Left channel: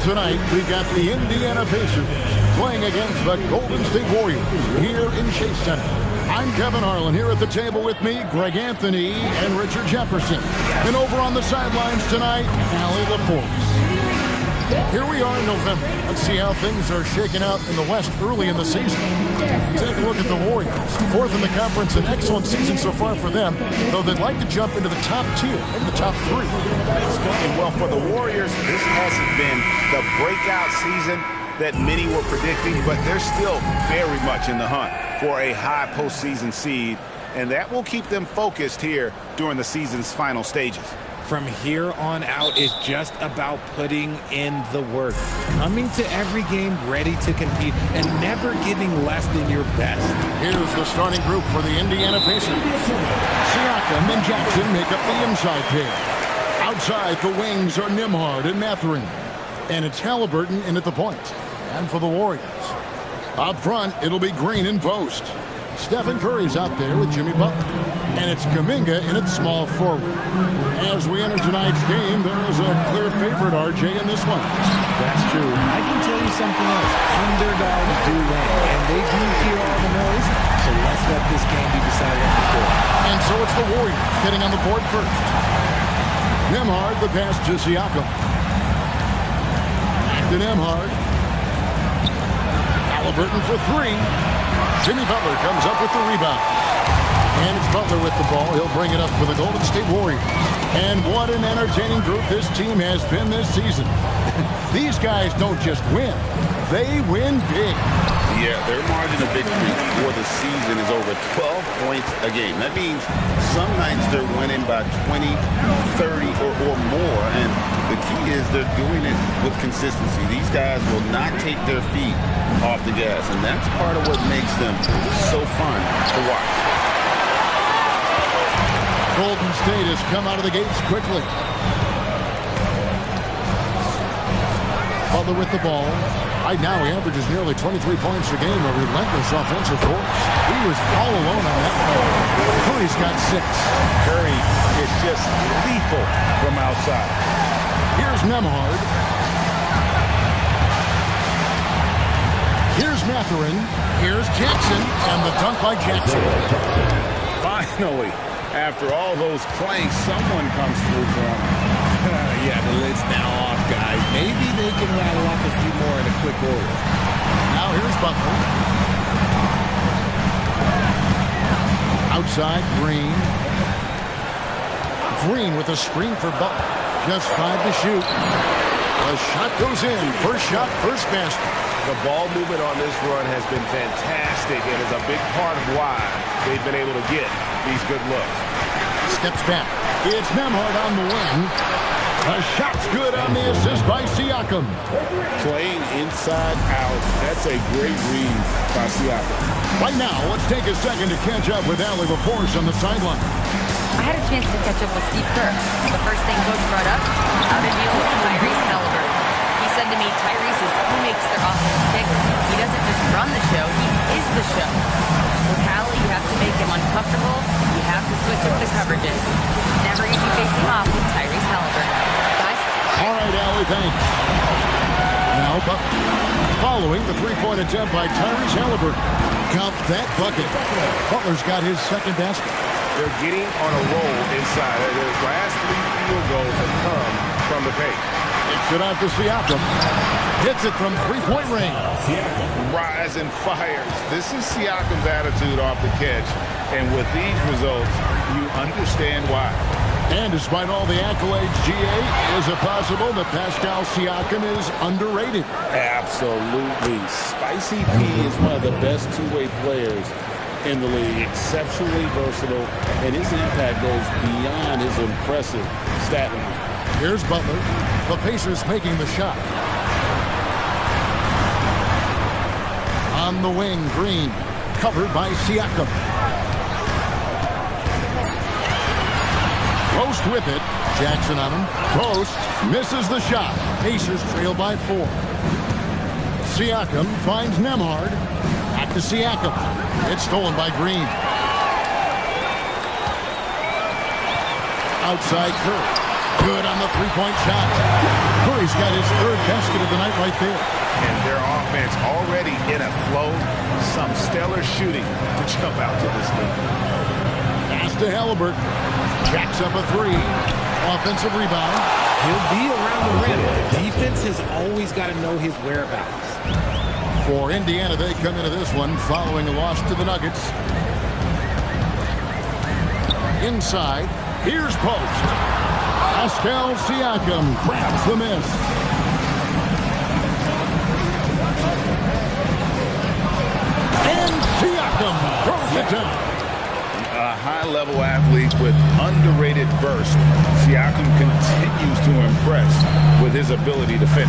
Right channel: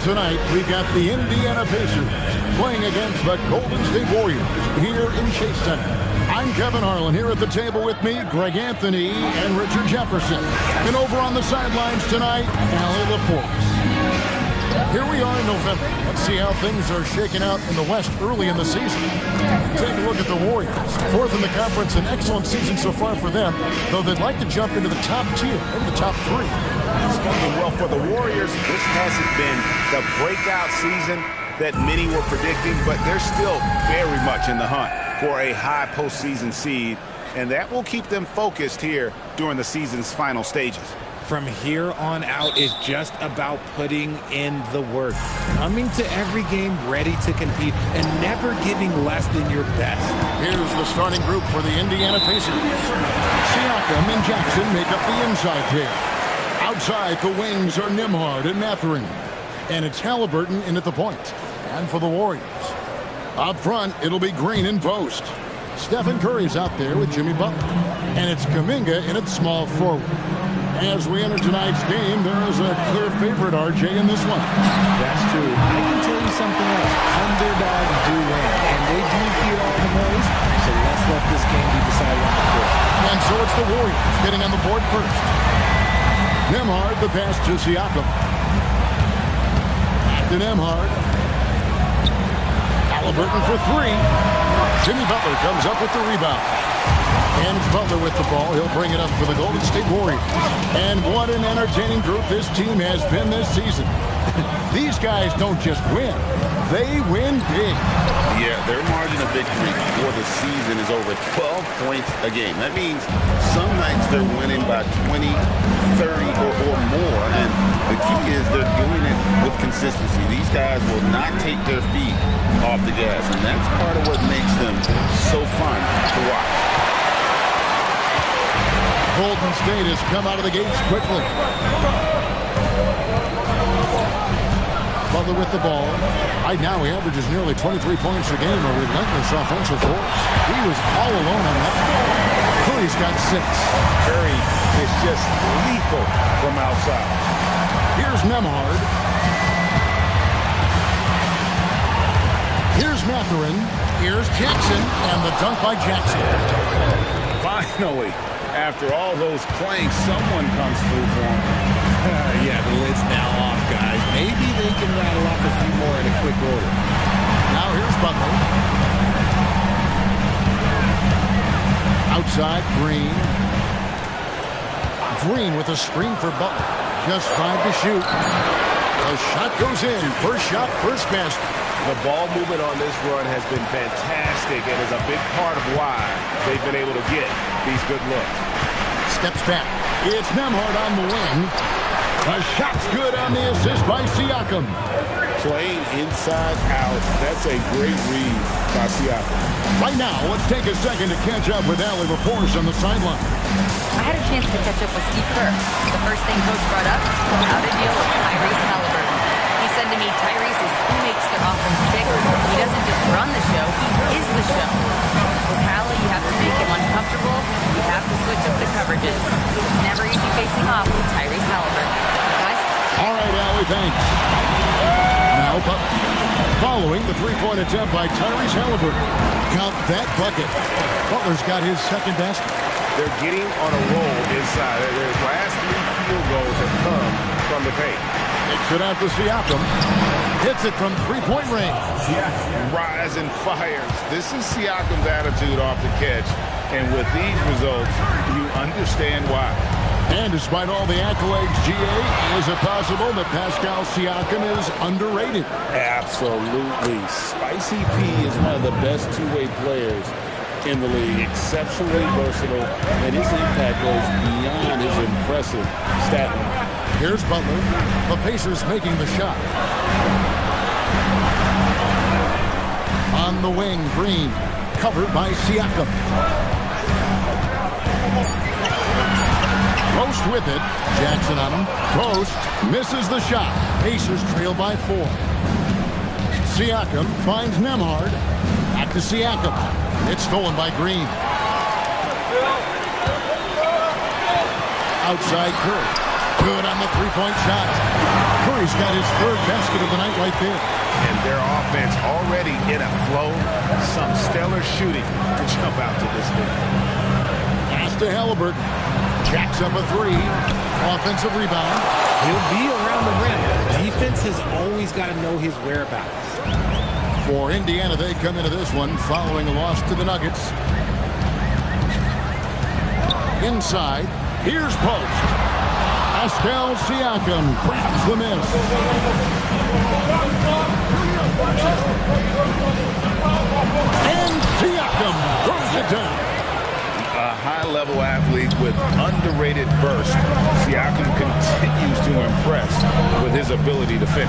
And tonight, we've got the Indiana Pacers playing against the Golden State Warriors here in Chase Center. I'm Kevin Harlan. Here at the table with me, Greg Anthony and Richard Jefferson. And over on the sidelines tonight, Allie LaForce. Here we are in November. Let's see how things are shaking out in the West early in the season. Take a look at the Warriors. Fourth in the conference, an excellent season so far for them, though they'd like to jump into the top tier, maybe the top three. It's going well for the Warriors. This hasn't been the breakout season that many were predicting, but they're still very much in the hunt for a high postseason seed, and that will keep them focused here during the season's final stages. From here on out is just about putting in the work, coming to every game ready to compete, and never giving less than your best. Here's the starting group for the Indiana Pacers. Siakam and Jackson make up the inside pair. Outside, the wings are Nembhard and Mathurin. And it's Halliburton in at the point. And for the Warriors, up front, it'll be Green in post. Stephen Curry's out there with Jimmy Butler. And it's Kuminga in at small forward. As we enter tonight's game, there is a clear favorite, RJ, in this one. That's true. I can tell you something else. Underdogs do win, and they do hear all the noise, so let's let this game be decided on the court. And so it's the Warriors getting on the board first. Nembhard, the pass to Siakam. To Nembhard. Halliburton for three. Jimmy Butler comes up with the rebound. And it's Butler with the ball. He'll bring it up for the Golden State Warriors. And what an entertaining group this team has been this season. These guys don't just win. They win big. Yeah, their margin of victory for the season is over 12 points a game. That means some nights they're winning by 20, 30, or more. And the key is they're doing it with consistency. These guys will not take their feet off the gas. And that's part of what makes them so fun to watch. Golden State has come out of the gates quickly. Butler with the ball. Right now he averages nearly 23 points a game, a relentless offensive force. He was all alone on that one. Curry's got 6. Curry is just lethal from outside. Here's Nembhard. Here's Mathurin. Here's Jackson, and the dunk by Jackson. Finally, after all those planks, someone comes through for him. Yeah, the lid's now off, guys. Maybe they can rattle off a few more in a quick order. Now here's Butler. Outside, Green. Green with a screen for Butler. Just 5 to shoot. The shot goes in. First shot, first basket. The ball movement on this run has been fantastic and is a big part of why they've been able to get these good looks. Steps back. It's Nembhard on the wing. The shot's good on the assist by Siakam. Playing inside out. That's a great read by Siakam. Right now, let's take a second to catch up with Allie LaForce on the sideline. I had a chance to catch up with Steve Kerr. The first thing Coach brought up, how to deal with Tyrese Halliburton. He said to me, Tyrese is who makes their offense tick. He doesn't just run the show, he is the show. With Hallie, you have to make him uncomfortable. You have to switch up the coverages. It's never easy facing off with Tyrese Halliburton. Guys? All right, Allie, thanks. Now, following the three-point attempt by Tyrese Halliburton. Count that bucket. Butler's got his second basket. They're getting on a roll inside. Their last 3 field goals have come from the paint. Kicks it out to Siakam. Hits it from three-point range. Yeah, rise and fires. This is Siakam's attitude off the catch. And with these results, you understand why. And despite all the accolades, GA, is it possible that Pascal Siakam is underrated? Absolutely. Spicy P is one of the best two-way players in the league. Exceptionally versatile, and his impact goes beyond his impressive stat line. Here's Butler. The Pacers making the shot. On the wing, Green. Covered by Siakam. Post with it. Jackson on him. Post. Misses the shot. Pacers trail by 4. Siakam finds Nembhard. Back to Siakam. It's stolen by Green. Outside Curry. Good on the three-point shot. Curry's got his third basket of the night right there. And their offense already in a flow. Some stellar shooting to jump out to this lead. Pass to Halliburton. Jacks up a three. Offensive rebound. He'll be around the rim. Defense has always got to know his whereabouts. For Indiana, they come into this one following a loss to the Nuggets. Inside, here's post. Pascal Siakam grabs the miss. And Siakam throws it down. A high-level athlete with underrated burst. Siakam continues to impress with his ability to finish.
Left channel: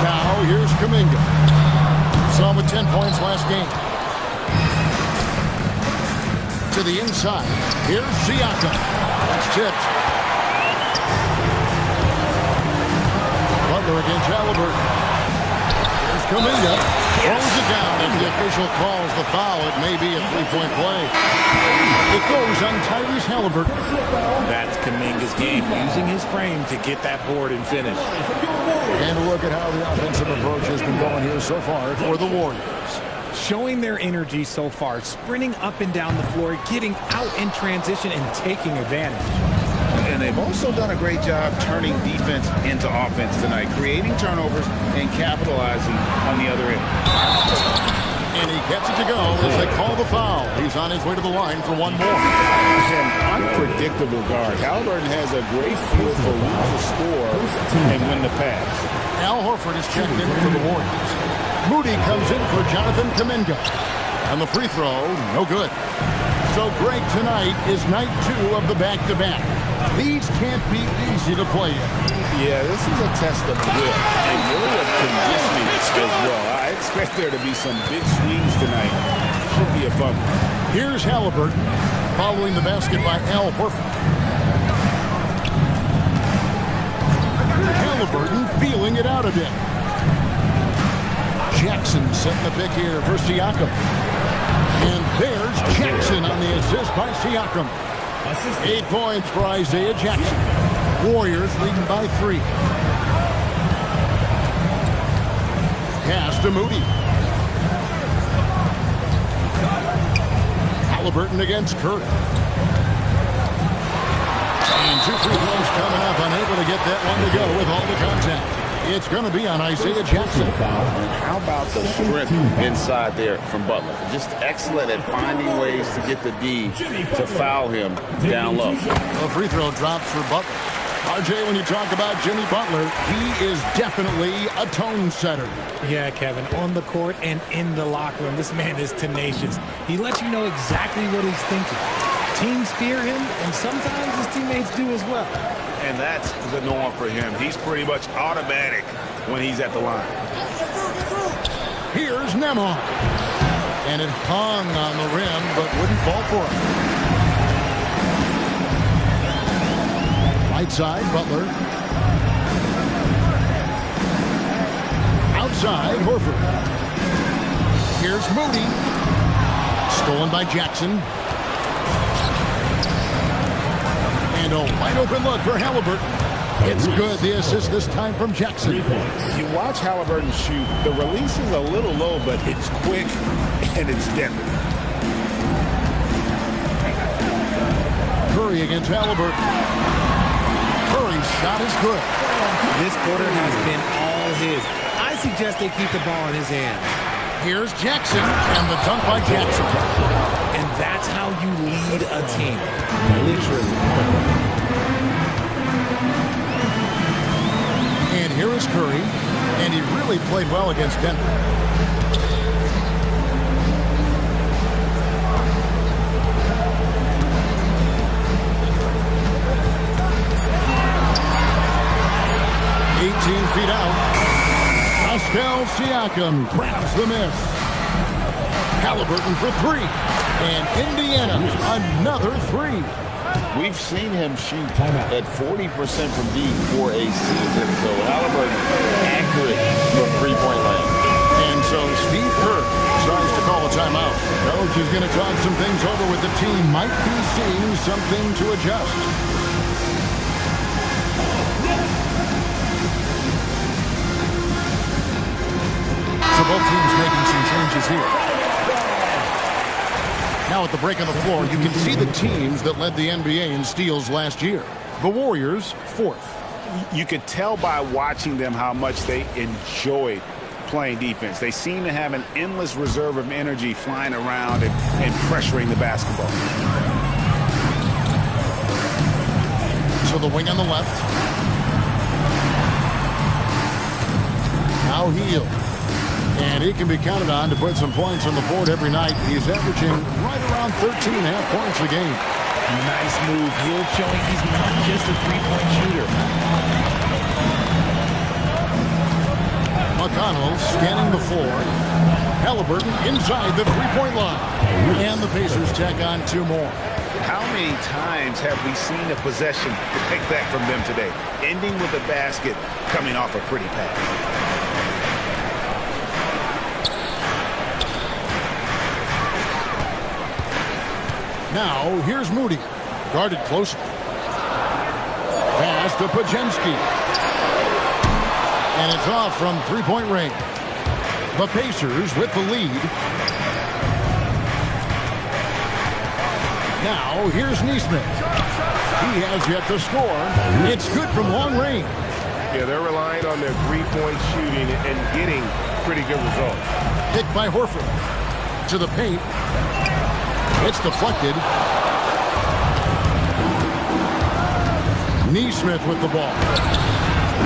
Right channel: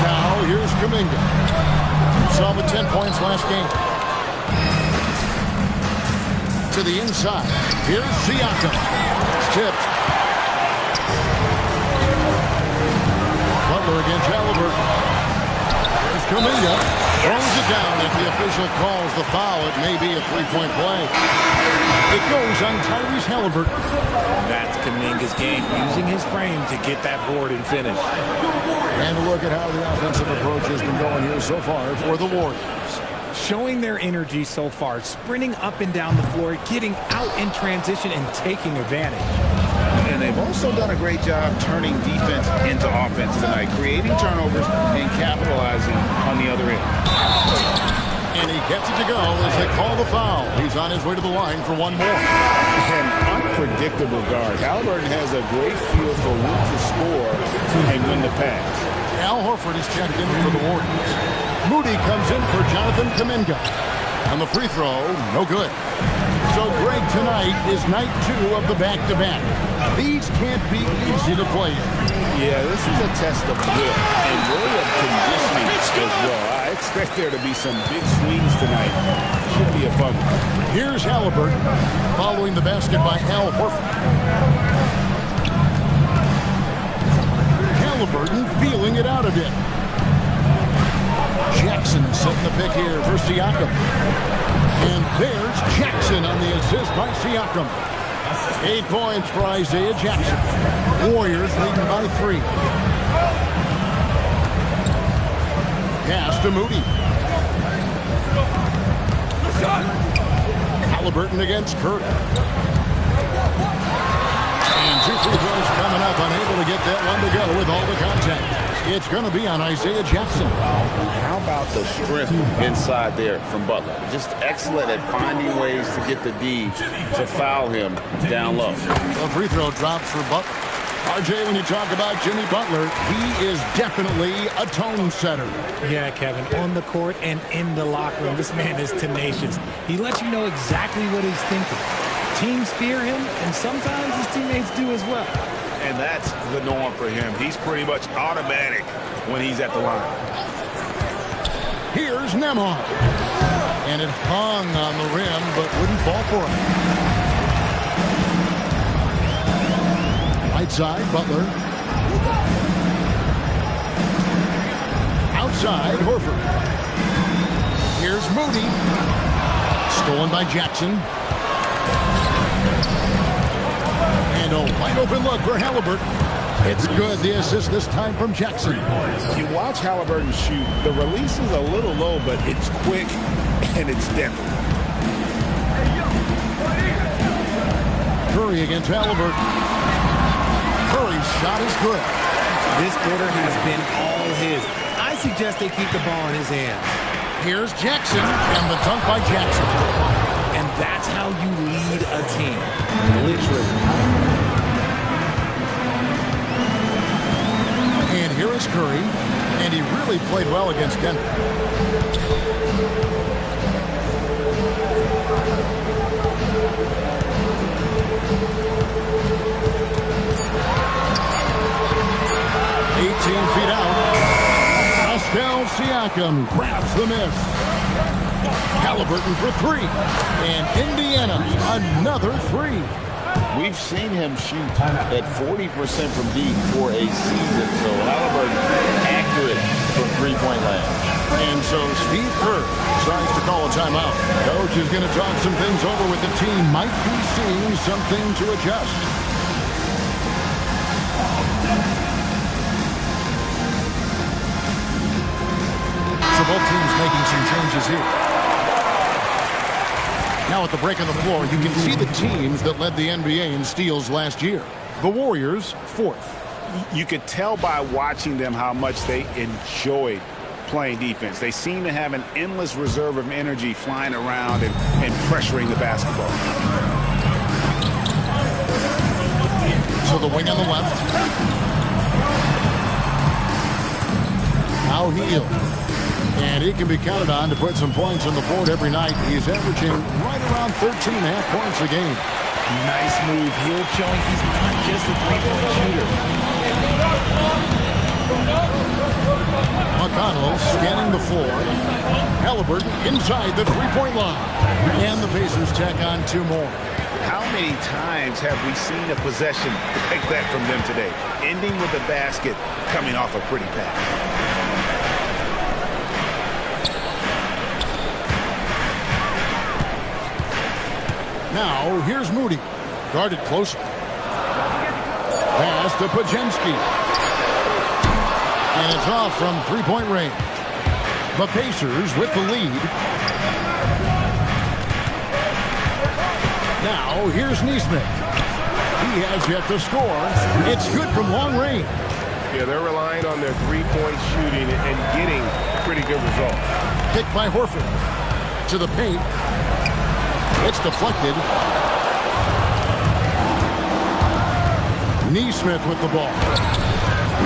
Now here's Kuminga. Saw him with 10 points last game. To the inside. Here's Siakam. That's tipped. Butler against Halliburton. Here's Kuminga. Throws it down. If the official calls the foul, it may be a three-point play. It goes on Tyrese Halliburton. That's Kuminga's game, using his frame to get that board and finish. And a look at how the offensive approach has been going here so far for the Warriors. Showing their energy so far, sprinting up and down the floor, getting out in transition and taking advantage. And they've also done a great job turning defense into offense tonight, creating turnovers and capitalizing on the other end. And he gets it to go as they call the foul. He's on his way to the line for one more. An unpredictable guard. Halliburton has a great feel for when to score and when to pass. Al Horford is checked in for the Warriors. Moody comes in for Jonathan Kuminga. And the free throw, no good. So Greg, tonight is night 2 of the back-to-back. These can't be easy to play in. Yeah, this is a test of will and really of conditioning as well. I expect there to be some big swings tonight. Should be a fun one. Here's Halliburton following the basket by Al Horford. Halliburton feeling it out a bit. Jackson setting the pick here for Siakam. And there's Jackson on the assist by Siakam. 8 points for Isaiah Jackson. Warriors leading by 3. Pass to Moody. Halliburton against Curry. And 2 free throws coming up. Unable to get that one to go with all the contact. It's going to be on Isaiah Jackson. And how about the strength inside there from Butler? Just excellent at finding ways to get the D to foul him down low. A free throw drops for Butler. RJ, when you talk about Jimmy Butler, he is definitely a tone setter. Yeah, Kevin, on the court and in the locker room, this man is tenacious. He lets you know exactly what he's thinking. Teams fear him, and sometimes his teammates do as well. And that's the norm for him. He's pretty much automatic when he's at the line. Here's Nembhard. And it hung on the rim, but wouldn't fall for him. Right side, Butler. Outside, Horford. Here's Moody. Stolen by Jackson. And a wide open look for Halliburton. It's good. The assist this time from Jackson. You watch Halliburton shoot. The release is a little low, but it's quick and it's deadly. Curry against Halliburton. Curry's shot is good. This quarter has been all his. I suggest they keep the ball in his hands. Here's Jackson and the dunk by Jackson. And that's how you lead a team. Literally. And here is Curry, and he really played well against Denver. Feet out. Pascal Siakam grabs the miss. Halliburton for 3. And Indiana, another 3. We've seen him shoot at 40% from deep for a season. So Halliburton accurate from three-point land. And so Steve Kerr decides to call a timeout. Coach is going to talk some things over with the team. Might be seeing something to adjust. So both teams making some changes here. Now at the break on the floor, you can see the teams that led the NBA in steals last year. The Warriors, 4th. You could tell by watching them how much they enjoyed playing defense. They seem to have an endless reserve of energy flying around and pressuring the basketball. So the wing on the left. Now Hield. And he can be counted on to put some points on the board every night. He's averaging right around 13.5 points a game. Nice move. Hield showing he's not just a three-point shooter. McConnell scanning the floor. Halliburton inside the three-point line. And the Pacers tack on 2 more. How many times have we seen a possession like that from them today? Ending with a basket coming off a pretty pass. Now, here's Moody. Guarded closely. Pass to Podziemski. And it's off from three-point range. The Pacers with the lead. Now, here's Nesmith. He has yet to score. It's good from long range. Yeah, they're relying on their three-point shooting and getting pretty good results. Picked by Horford. To the paint. It's deflected. Nesmith with the ball.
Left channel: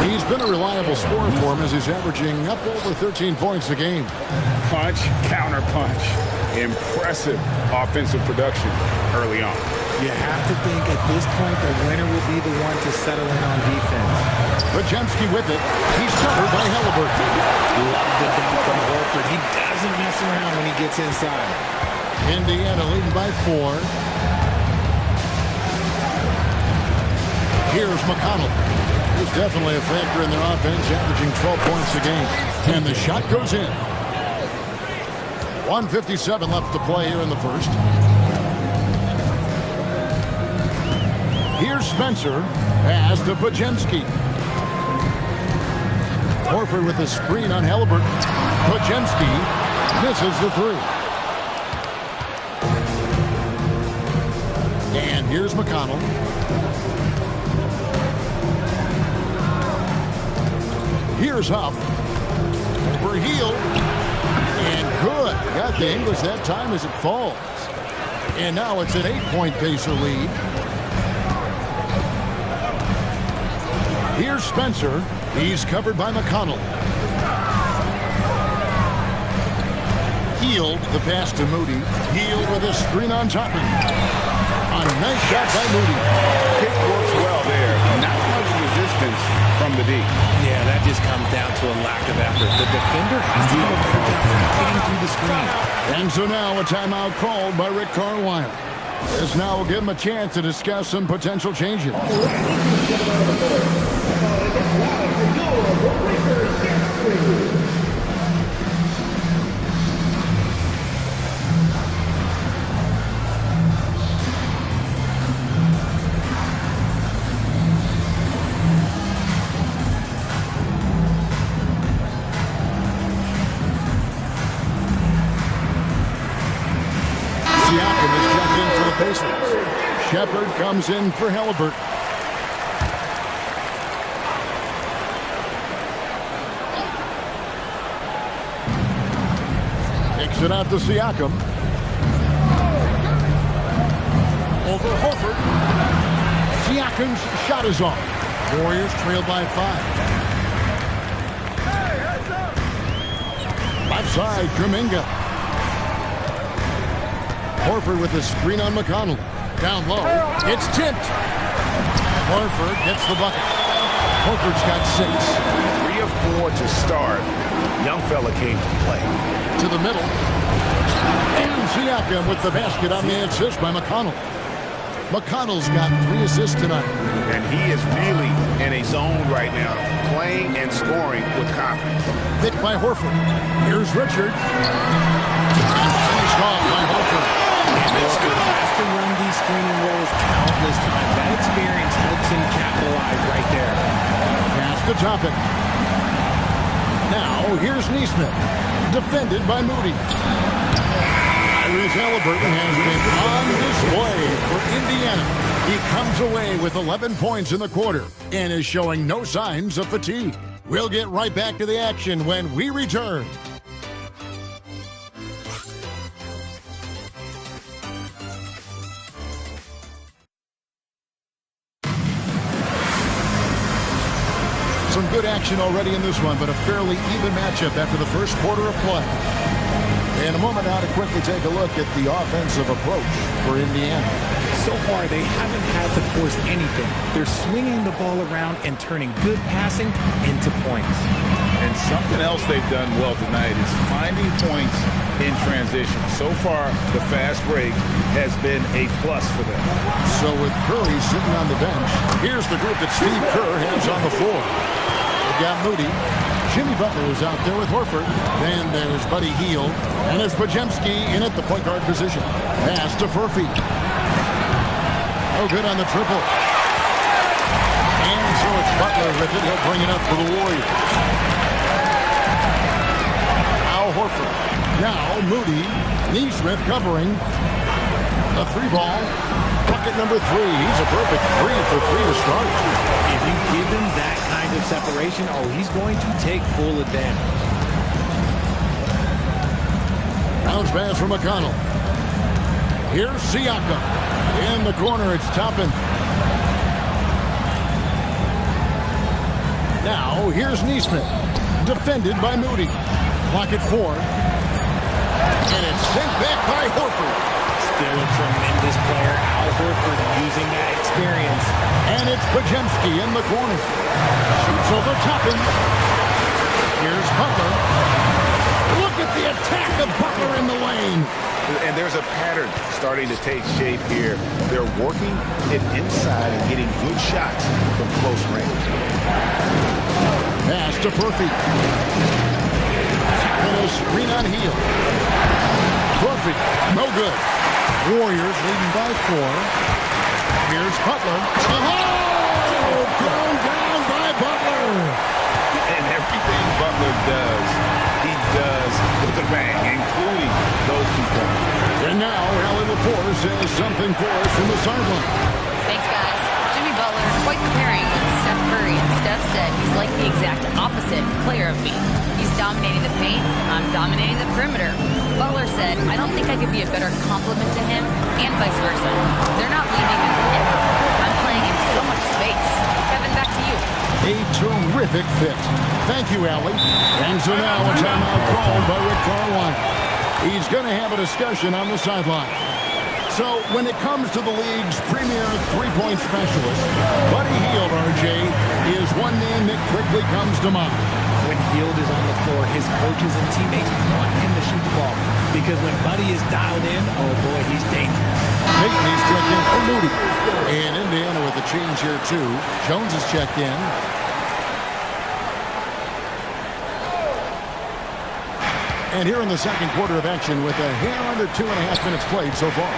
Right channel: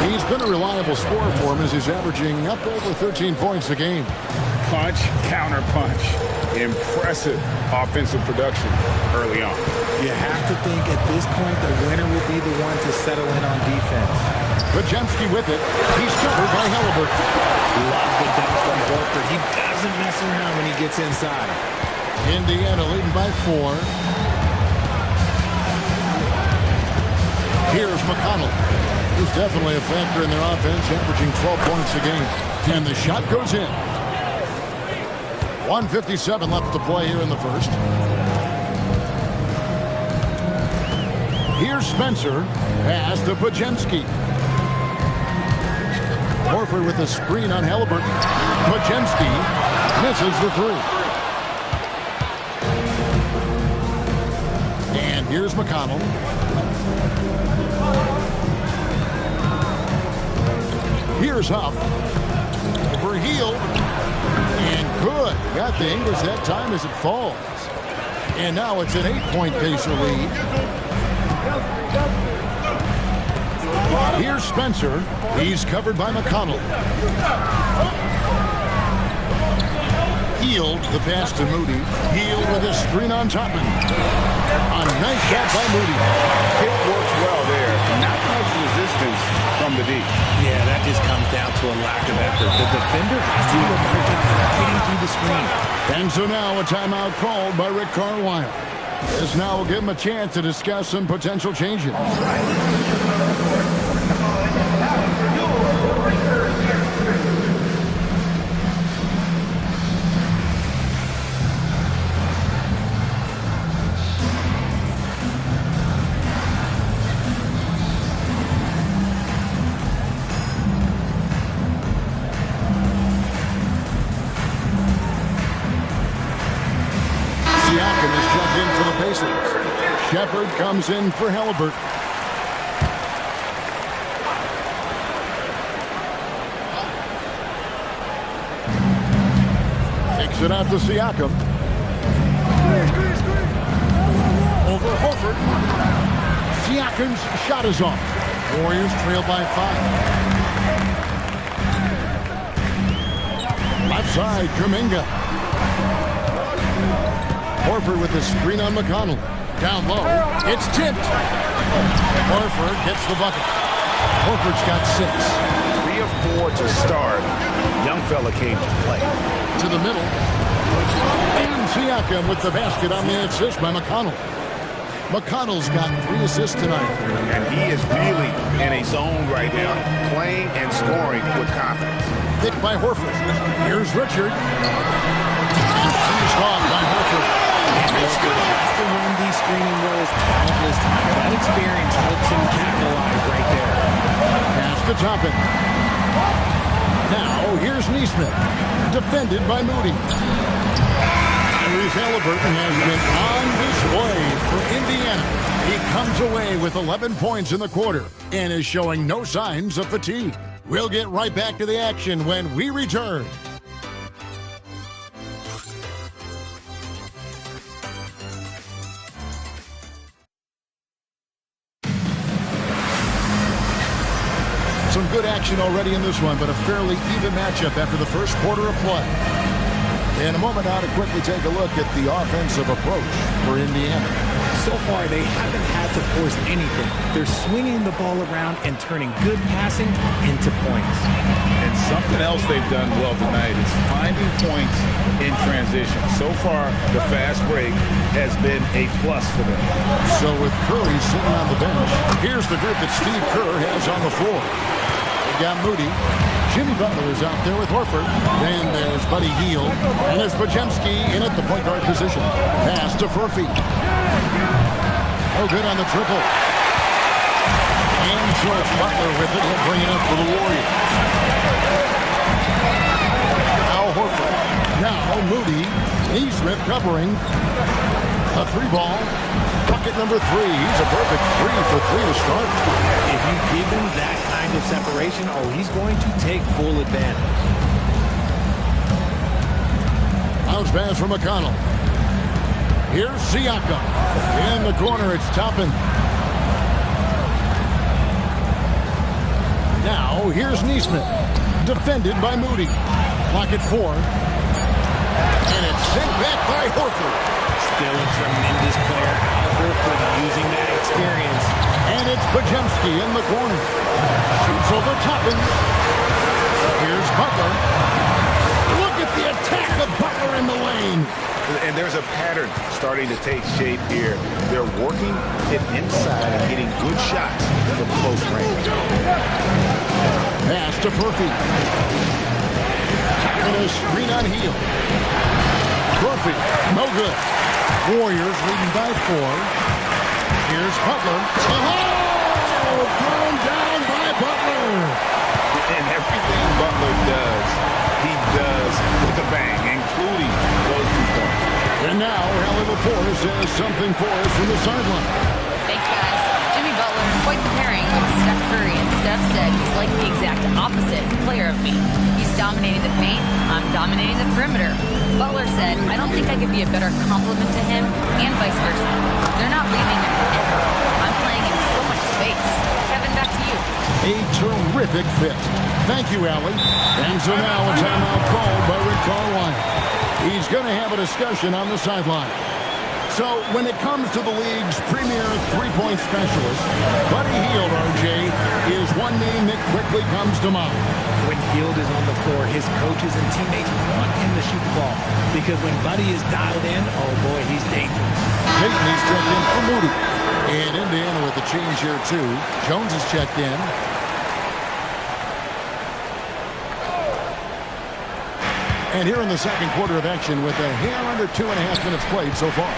He's been a reliable scorer for him as he's averaging up over 13 points a game. Punch, counter punch. Impressive offensive production early on. You have to think at this point the winner will be the one to settle in on defense. Podziemski with it. He's covered by Halliburton. Love the dunk from Horford. He doesn't mess around when he gets inside. Indiana leading by 4. Here's McConnell. He's definitely a factor in their offense, averaging 12 points a game. And the shot goes in. 1:57 left to play here in the first. Here's Spencer. Pass to Podziemski. Horford with a screen on Halliburton. Podziemski misses the 3. And here's McConnell. Here's Huff. Over Hield. And good. Got the English that time as it falls. And now it's an 8-point Pacer lead. Here's Spencer. He's covered by McConnell. Hield, the pass to Moody. Hield with a screen on top of him. A nice shot by Moody. Pick works well there. Not much resistance from the D. Yeah, that just comes down to a lack of effort. The defender has to do a better job fighting through the screen. And so now a timeout called by Rick Carlisle. This now will give him a chance to discuss some potential changes. Siakam is checked in for the Pacers. Shepard comes in for Halliburton. Kicks it out to Siakam. Over Horford. Siakam's shot is off. Warriors trail by 5. Left side, Kuminga. Horford with a screen on McConnell. Down low. It's tipped. Horford gets the bucket. Horford's got 6. 3 of 4 to start. Young fella came to play. To the middle. And Siakam with the basket on the assist by McConnell. McConnell's got 3 assists tonight. And he is really in a zone right now, playing and scoring with confidence. Picked by Horford. Here's Richard. And finished off by Horford. And Horford has to run these screening rolls countless times. That experience helps him capitalize right there. Pass to Toppin. Now, here's Nesmith. defended by Moody. Tyrese Halliburton has been on display for Indiana. He comes away with 11 points in the quarter and is showing no signs of fatigue. We'll get right back to the action when we return. Some good action already in this one, but a fairly even matchup after the first quarter of play. In a moment now to quickly take a look at the offensive approach for Indiana. So far, they haven't had to force anything. They're swinging the ball around and turning good passing into points. And something else they've done well tonight is finding points in transition. So far, the fast break has been a plus for them. So with Curry sitting on the bench, here's the group that Steve Kerr has on the floor. They've got Moody. Jimmy Butler is out there with Horford. Then there's Buddy Hield. And there's Podziemski in at the point guard position. Pass to Furphy. Oh, good on the triple. And so it's Butler with it. He'll bring it up for the Warriors. Al Horford. Now Moody. Neesmith covering. A three ball. Bucket number 3. He's a perfect 3 for 3 to start. If you give him that kind of separation, oh, he's going to take full advantage. Bounce pass from McConnell. Here's Siakam. In the corner, it's Toppin. Now, here's Neesmith. Defended by Moody. Clock at 4. And it's sent back by Horford. Still a tremendous player, Al Horford, using that experience. And it's Podziemski in the corner. Shoots over Toppin. Here's Butler. Look at the attack of Butler in the lane. And there's a pattern starting to take shape here. They're working it inside and getting good shots from close range. Pass to Furphy. Tapping a screen on Hield. Furphy, no good. Warriors leading by 4. Here's Butler. Oh! Thrown down by Butler. And everything Butler does, he does with a bang, including those 2 points. And now, Allie LaForce has something for us from the sideline. Thanks, guys. Jimmy Butler, quite the pairing with Steph Curry, and Steph said he's like the exact opposite player of me. He's dominating the paint, I'm dominating the perimeter. Butler said, I don't think I could be a better complement to him, and vice versa. They're not leaving him ever. I'm playing in so much space. Kevin, back to you. A terrific fit. Thank you, Allie. And so now a timeout called by Rick Carlisle. He's going to have a discussion on the sideline. So when it comes to the league's premier three-point specialist, Buddy Hield, RJ, is one name that quickly comes to mind. When Hield is on the floor, his coaches and teammates want him to shoot the ball. Because when Buddy is dialed in, oh boy, he's dangerous. Payton is checked in for Moody. And Indiana with a change here too. Jones is checked in. And here in the second quarter of action with a hair under 2.5 minutes played so far.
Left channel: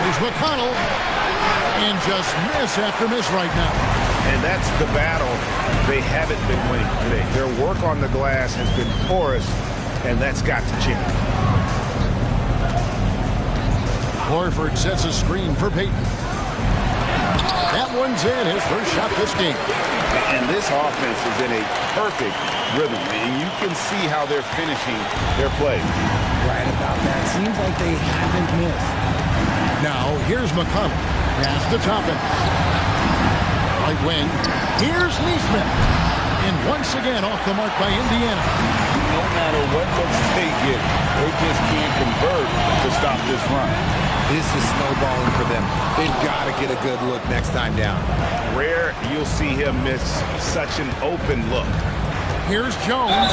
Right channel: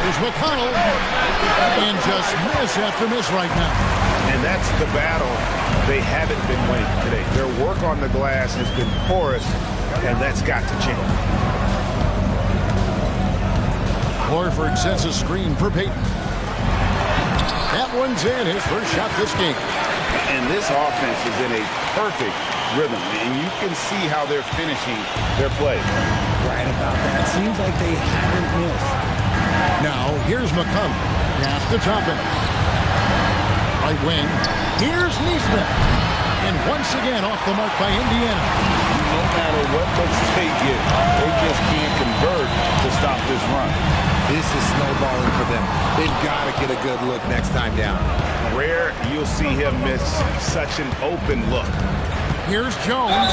Here's McConnell. And just miss after miss right now. And that's the battle they haven't been winning today. Their work on the glass has been porous, and that's got to change. Horford sets a screen for Payton. That one's in, his first shot this game. And this offense is in a perfect rhythm, and you can see how they're finishing their play. Right about that. Seems like they haven't missed. Now, here's McConnell. Pass to Toppin. Right wing. Here's Neesmith. And once again off the mark by Indiana. No matter what looks they get, they just can't convert to stop this run. This is snowballing for them. They've got to get a good look next time down. Rare you'll see him miss such an open look. Here's Jones.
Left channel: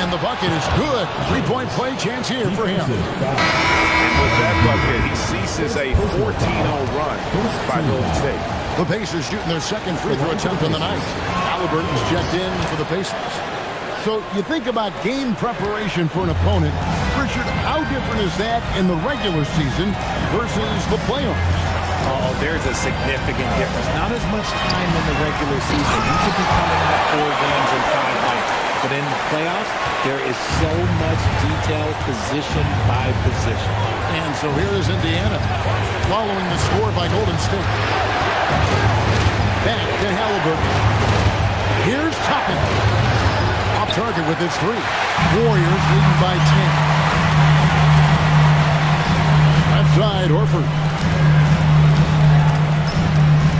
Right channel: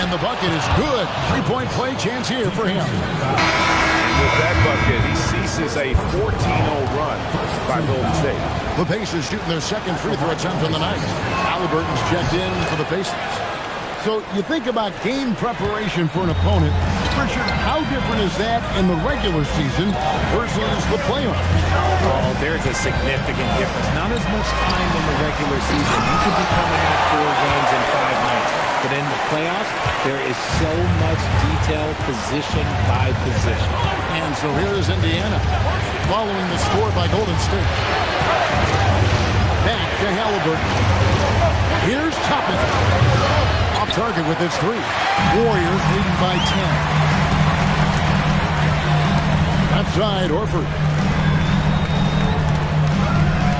And the bucket is good. Three-point play chance here for him. And with that bucket, he ceases a 14-0 run by Golden State. The Pacers shooting their second free throw attempt on the night. Halliburton's checked in for the Pacers. So you think about game preparation for an opponent. Richard, how different is that in the regular season versus the playoffs? Oh, there's a significant difference. Not as much time in the regular season. You could be coming off 4 games in 5 nights. But in the playoffs, there is so much detail position by position. And so here is Indiana following the score by Golden State. Back to Halliburton. Here's Toppin. Off target with his 3. Warriors leading by 10. Left side, Horford.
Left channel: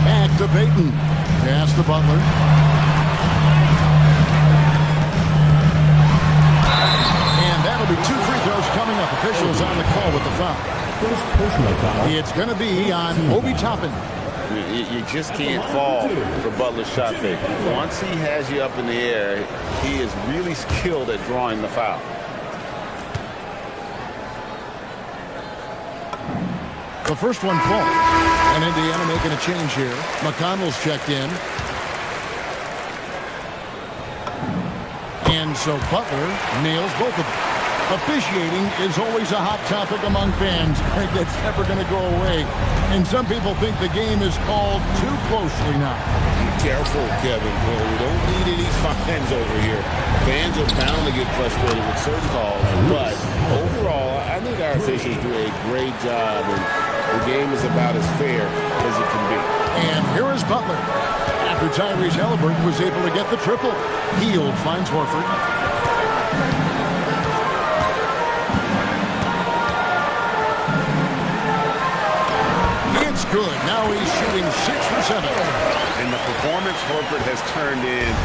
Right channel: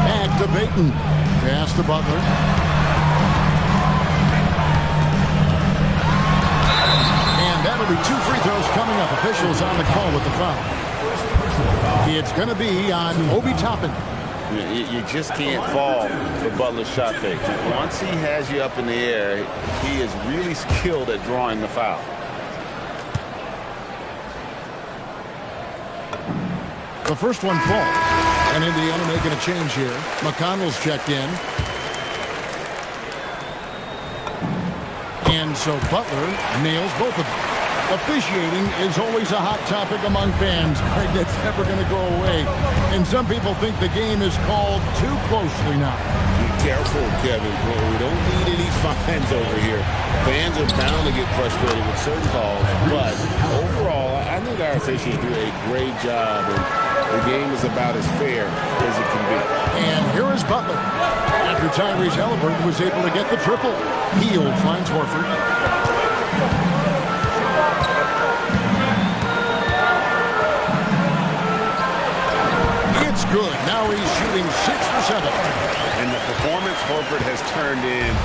Back to Payton. Pass to Butler. And that'll be 2 free throws coming up. Officials on the call with the foul. First personal foul. It's going to be on Obi Toppin. You just can't fall for Butler's shot fake. Once he has you up in the air, he is really skilled at drawing the foul. The first one falls. And Indiana making a change here. McConnell's checked in. And so Butler nails both of them. Officiating is always a hot topic among fans. Greg, that's never going to go away. And some people think the game is called too closely now. Be careful, Kevin. We don't need any fines over here. Fans are bound to get frustrated with certain calls. But overall, I think our officials do a great job. And the game is about as fair as it can be. And here is Butler. After Tyrese Halliburton was able to get the triple. Hield finds Horford. It's good. Now he's shooting 6 for 7. And the performance Horford has turned in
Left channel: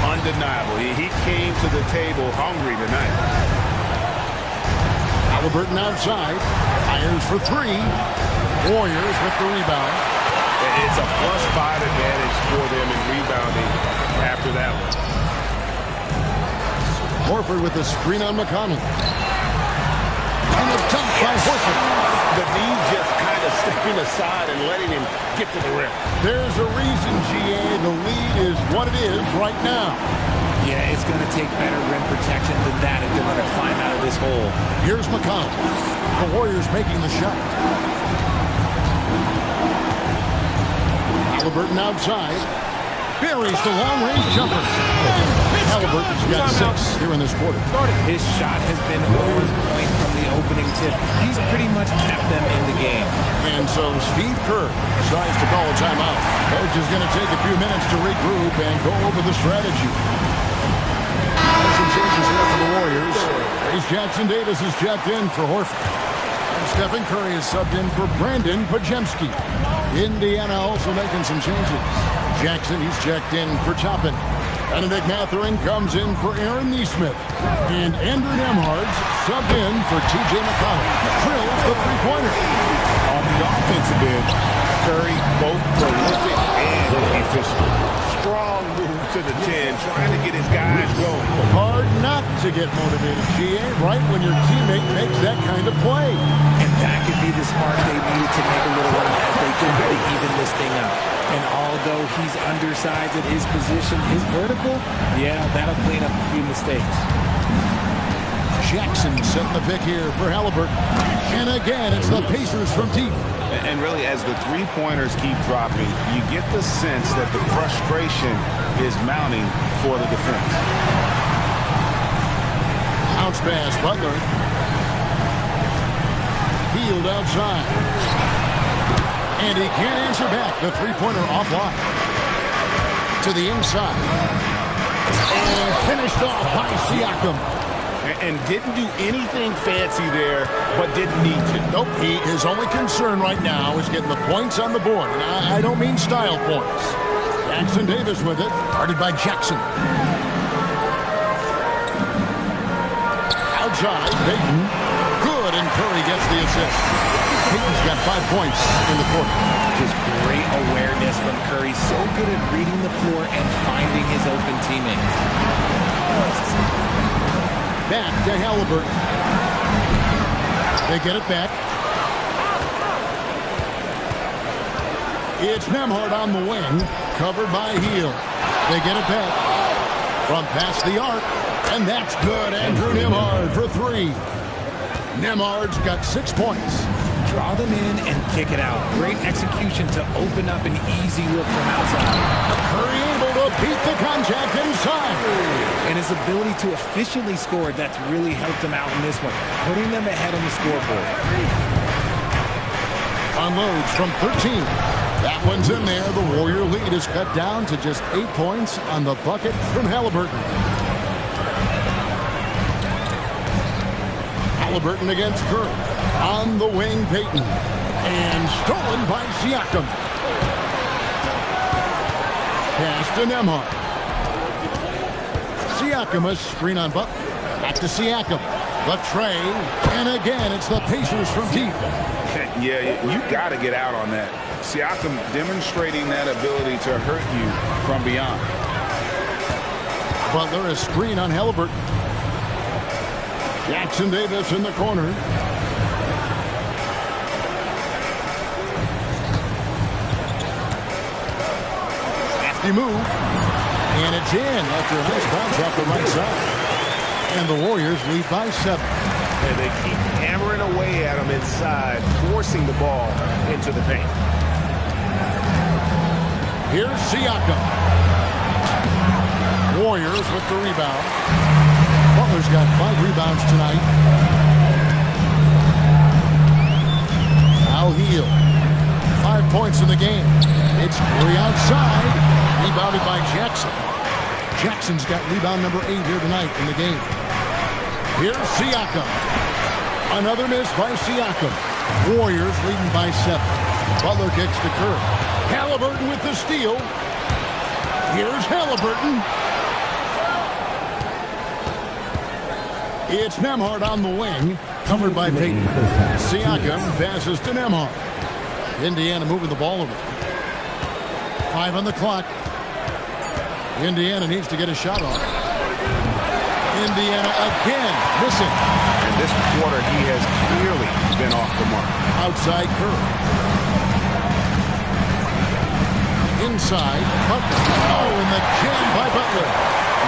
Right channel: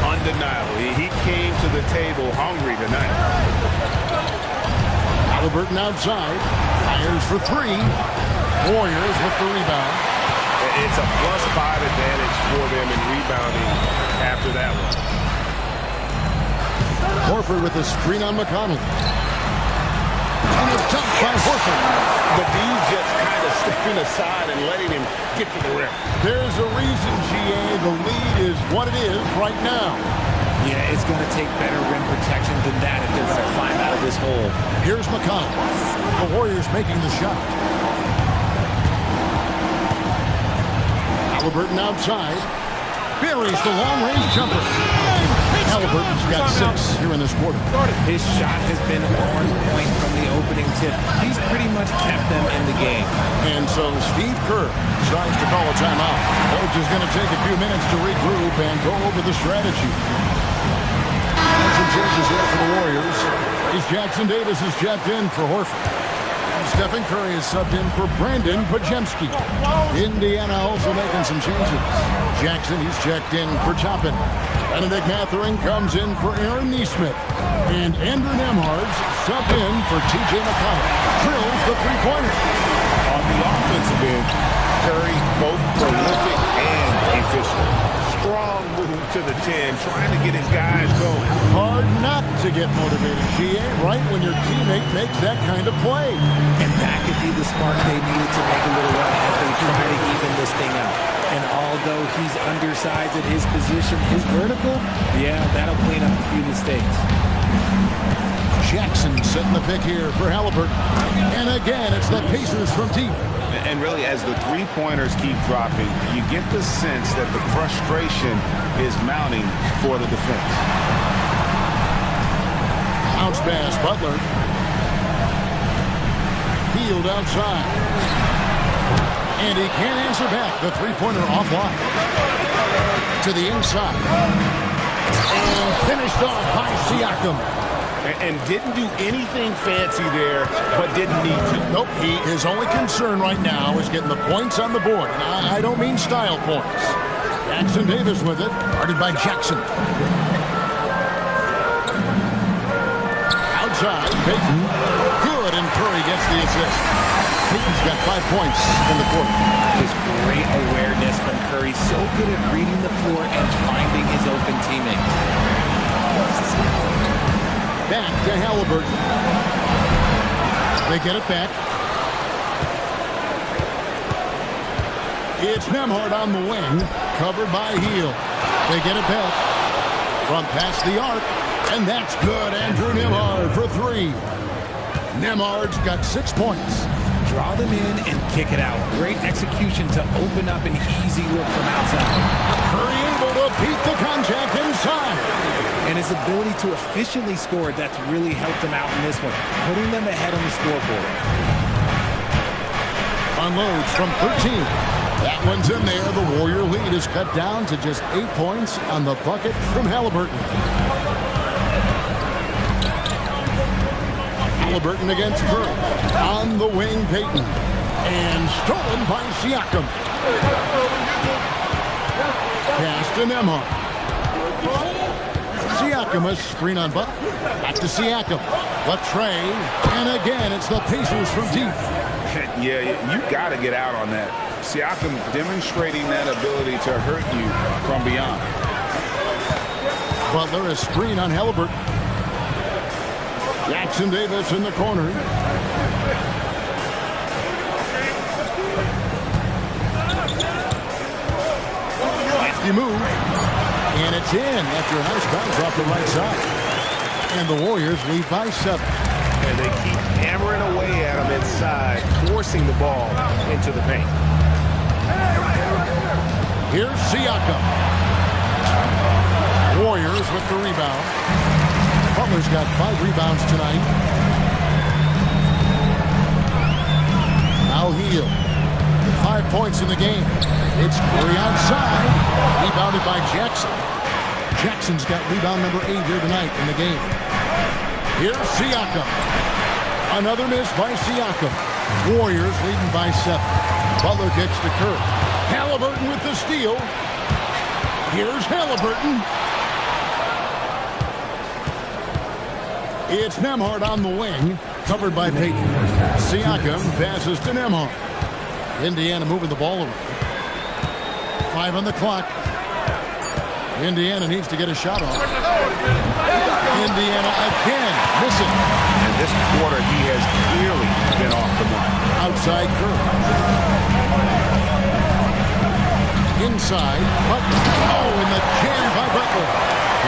undeniable. He came to the table hungry tonight. Halliburton outside. Fires for 3. Warriors with the rebound. It's a +5 advantage for them in rebounding after that one. Horford with a screen on McConnell. And a dunk by Horford. The D just kind of stepping aside and letting him get to the rim. There's a reason, GA. The lead is what it is right now. Yeah, it's going to take better rim protection than that if they're going to climb out of this hole. Here's McConnell. The Warriors making the shot. Halliburton outside. Buries the long-range jumper. Halliburton's got 6 here in this quarter. His shot has been on point from the opening tip. He's pretty much kept them in the game. And so Steve Kerr decides to call a timeout. Coach is going to take a few minutes to regroup and go over the strategy. And some changes here for the Warriors. Trace Jackson-Davis is checked in for Horford. And Stephen Curry is subbed in for Brandon Pajemski. Indiana also making some changes. Jackson, he's checked in for Toppin. Benedict Mathurin comes in for Aaron Nesmith. And Andrew Nembhard's subbed in for T.J. McConnell. Drills the three-pointer. On the offensive end, Curry both prolific and efficient. Strong move to the 10, trying to get his guys going. Hard not to get motivated, GA, right when your teammate makes that kind of play. And that could be the spark they needed to make a little run as they try to even this thing out. And although he's undersized at his position, his vertical, yeah, that'll clean up a few mistakes. Jackson setting the pick here for Halliburton. And again, it's the Pacers from deep. And really, as the three-pointers keep dropping, you get the sense that the frustration is mounting for the defense. Bounce pass, Butler. Hield outside. And he can't answer back. The three-pointer offline. To the inside. And finished off by Siakam. And didn't do anything fancy there, but didn't need to. Nope, his only concern right now is getting the points on the board. And I don't mean style points. Jackson-Davis with it, guarded by Jackson. Outside, Payton. Good, and Curry gets the assist. Payton's got 5 points in the quarter. Just great awareness from Curry. So good at reading the floor and finding his open teammates. Back to Halliburton. They get it back. It's Nembhard on the wing, covered by Hield. They get it back from past the arc, and that's good. Andrew Nembhard for 3. Nembhard's got 6 points. Draw them in and kick it out. Great execution to open up an easy look from outside. Curry able to beat the contact inside. And his ability to efficiently score, that's really helped him out in this one, putting them ahead on the scoreboard. Unloads from 13. That one's in there. The Warrior lead is cut down to just 8 points on the bucket from Halliburton. Halliburton against Curry. On the wing, Payton. And stolen by Siakam. Pass to Nembhard. Siakam, a screen on Butler. Back to Siakam. The tray. And again, it's the Pacers from deep. Yeah, you got to get out on that. Siakam demonstrating that ability to hurt you from beyond. Butler, a screen on Halliburton. Jackson Davis in the corner. Lefty move. And it's in after a nice bounce off the right side. And the Warriors lead by 7. And they keep hammering away at him inside, forcing the ball into the paint. Here's Siakam. Warriors with the rebound. Butler's got 5 rebounds tonight. Now Hill. 5 points in the game. It's Curry outside. Rebounded by Jackson. Jackson's got rebound number 8 here tonight in the game. Here's Siakam. Another miss by Siakam. Warriors leading by 7. Butler kicks to Curry. Halliburton with the steal. Here's Halliburton. It's Nembhard on the wing, covered by Payton. Siakam passes to Nembhard. Indiana moving the ball around. 5 on the clock. Indiana needs to get a shot off. Indiana again, missing. And this quarter, he has clearly been off the mark. Outside Curry. Inside, Butler. Oh, and the jam by Butler.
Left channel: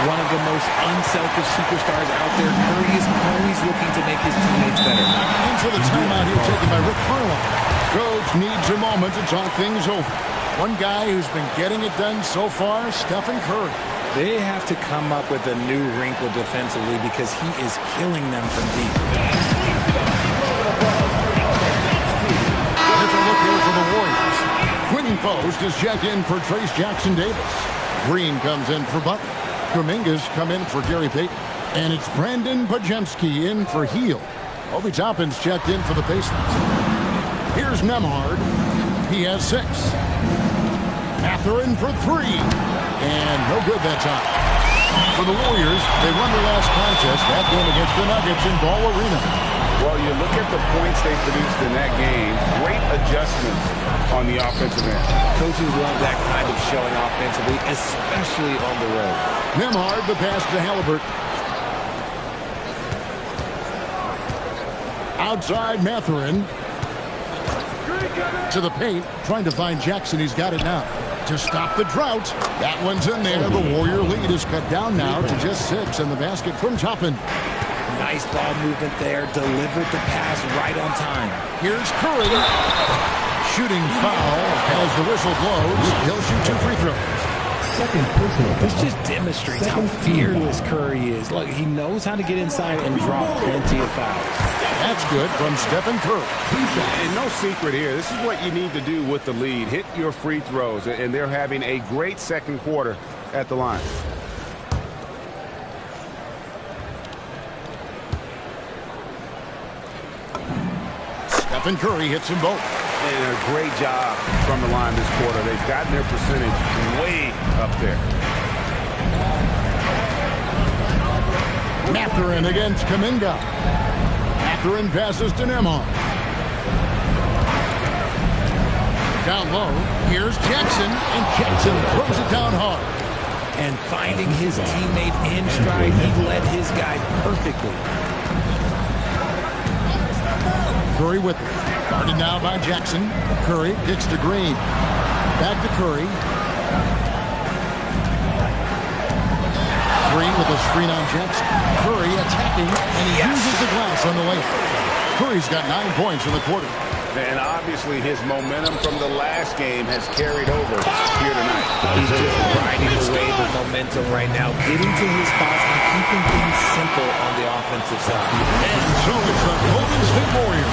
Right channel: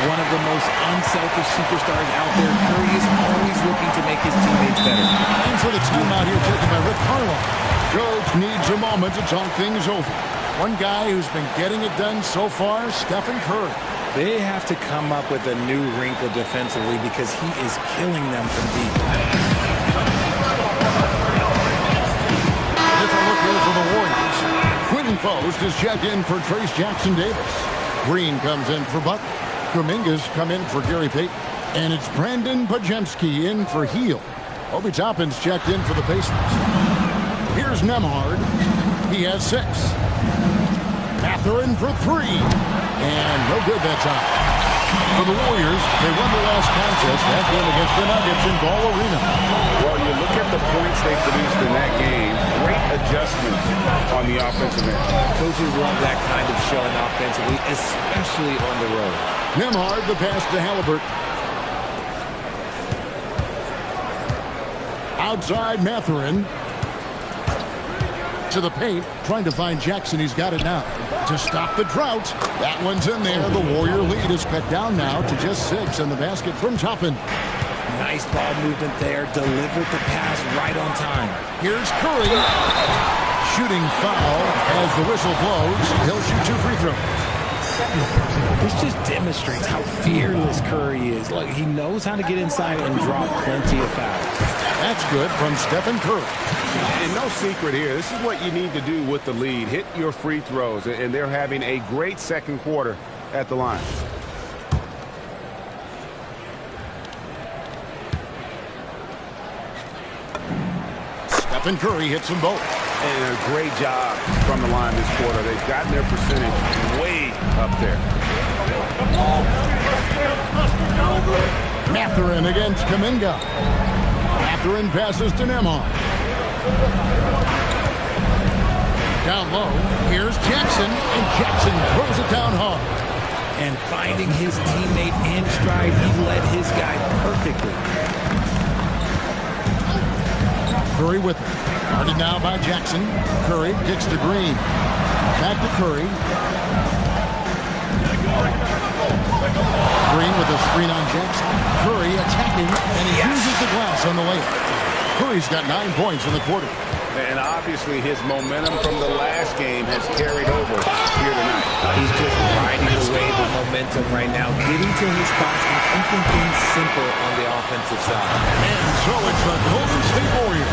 One of the most unselfish superstars out there. Curry is always looking to make his teammates better. And so the timeout here taken by Rick Carlisle. Coach needs a moment to talk things over. One guy who's been getting it done so far, Stephen Curry. They have to come up with a new wrinkle defensively because he is killing them from deep. Different look here for the Warriors. Quinton Post is checked in for Trace Jackson Davis. Green comes in for Butler. Kuminga's come in for Gary Payton. And it's Brandon Podziemski in for Hill. Obi Toppin's checked in for the Pacers. Here's Nembhard. He has 6. Mathurin for 3. And no good that time. For the Warriors, they won their last contest, that game against the Nuggets in Ball Arena. Well, you look at the points they produced in that game. Great adjustments on the offensive end. Coaches love that kind of showing offensively, especially on the road. Nembhard, the pass to Halliburton. Outside Mathurin. To the paint, trying to find Jackson. He's got it now. To stop the drought. That one's in there. The Warrior lead is cut down now to just 6, and the basket from Toppin. Nice ball movement there. Delivered the pass right on time. Here's Curry. Shooting foul as the whistle blows. He'll shoot 2 free throws. This just demonstrates how fearless Curry is. Look, he knows how to get inside and draw plenty of fouls. That's good from Stephen Curry. And no secret here. This is what you need to do with the lead. Hit your free throws. And they're having a great second quarter at the line. Stephen Curry hits them both. And a great job from the line this quarter. They've gotten their percentage way up there. Mathurin against Kuminga. Mathurin passes to Nembhard. Down low, here's Jackson, and Jackson throws it down hard. And finding his teammate in stride, he led his guy perfectly. Curry with it. Guarded now by Jackson. Curry kicks to Green. Back to Curry. Green with a screen on Jackson. Curry attacking, and he uses the glass on the layup. Curry's got 9 points in the quarter. And obviously his momentum from the last game has carried over here tonight. He's just riding the wave of momentum right now, getting to his spots and keeping things simple on the offensive side. And so it's the Golden State Warriors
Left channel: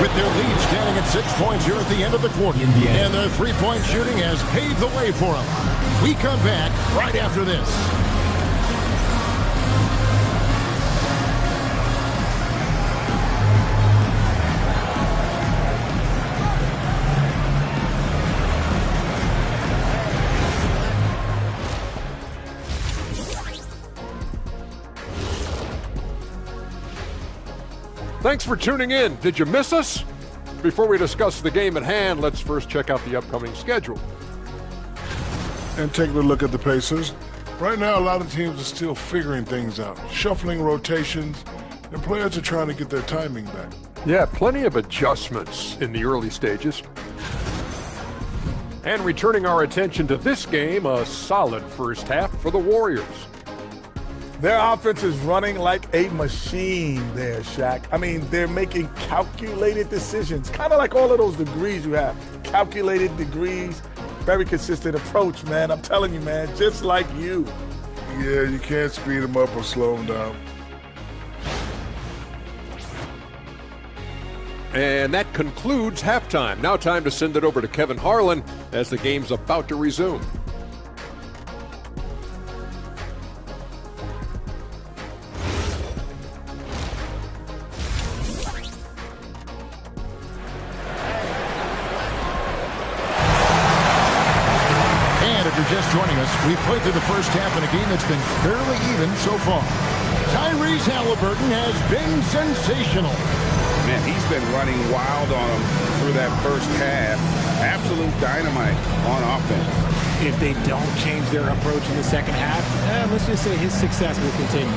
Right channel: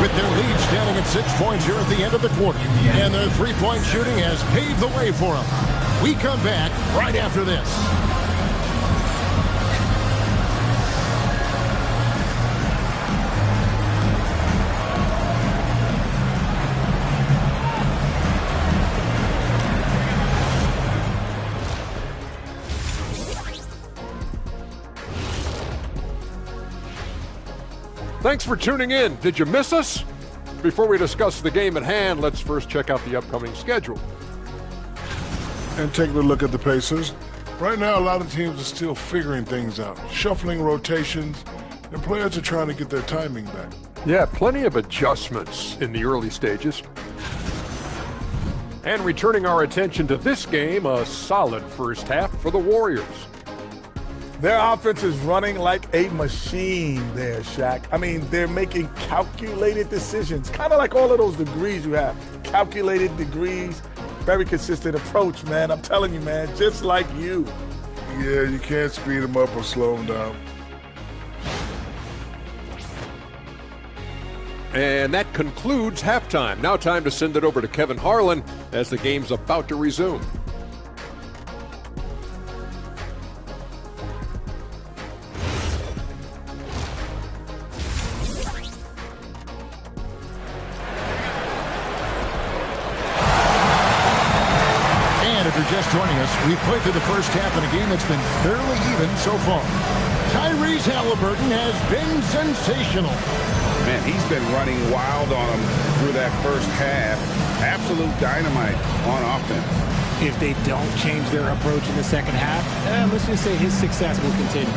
with their lead standing at 6 points here at the end of the quarter. And their three-point shooting has paved the way for them. We come back right after this. Thanks for tuning in. Did you miss us? Before we discuss the game at hand, let's first check out the upcoming schedule. And taking a look at the Pacers. Right now, a lot of teams are still figuring things out, shuffling rotations, and players are trying to get their timing back. Yeah, plenty of adjustments in the early stages. And returning our attention to this game, a solid first half for the Warriors. Their offense is running like a machine there, Shaq. I mean, they're making calculated decisions, kind of like all of those degrees you have. Calculated degrees, very consistent approach, man. I'm telling you, man, just like you. Yeah, you can't speed them up or slow them down. And that concludes halftime. Now time to send it over to Kevin Harlan as the game's about to resume. And if you're just joining us, we've played through the first half in a game that's been fairly even so far. Tyrese Halliburton has been sensational. Man, he's been running wild on him through that first half. Absolute dynamite on offense. If they don't change their approach in the second half, let's just say his success will continue.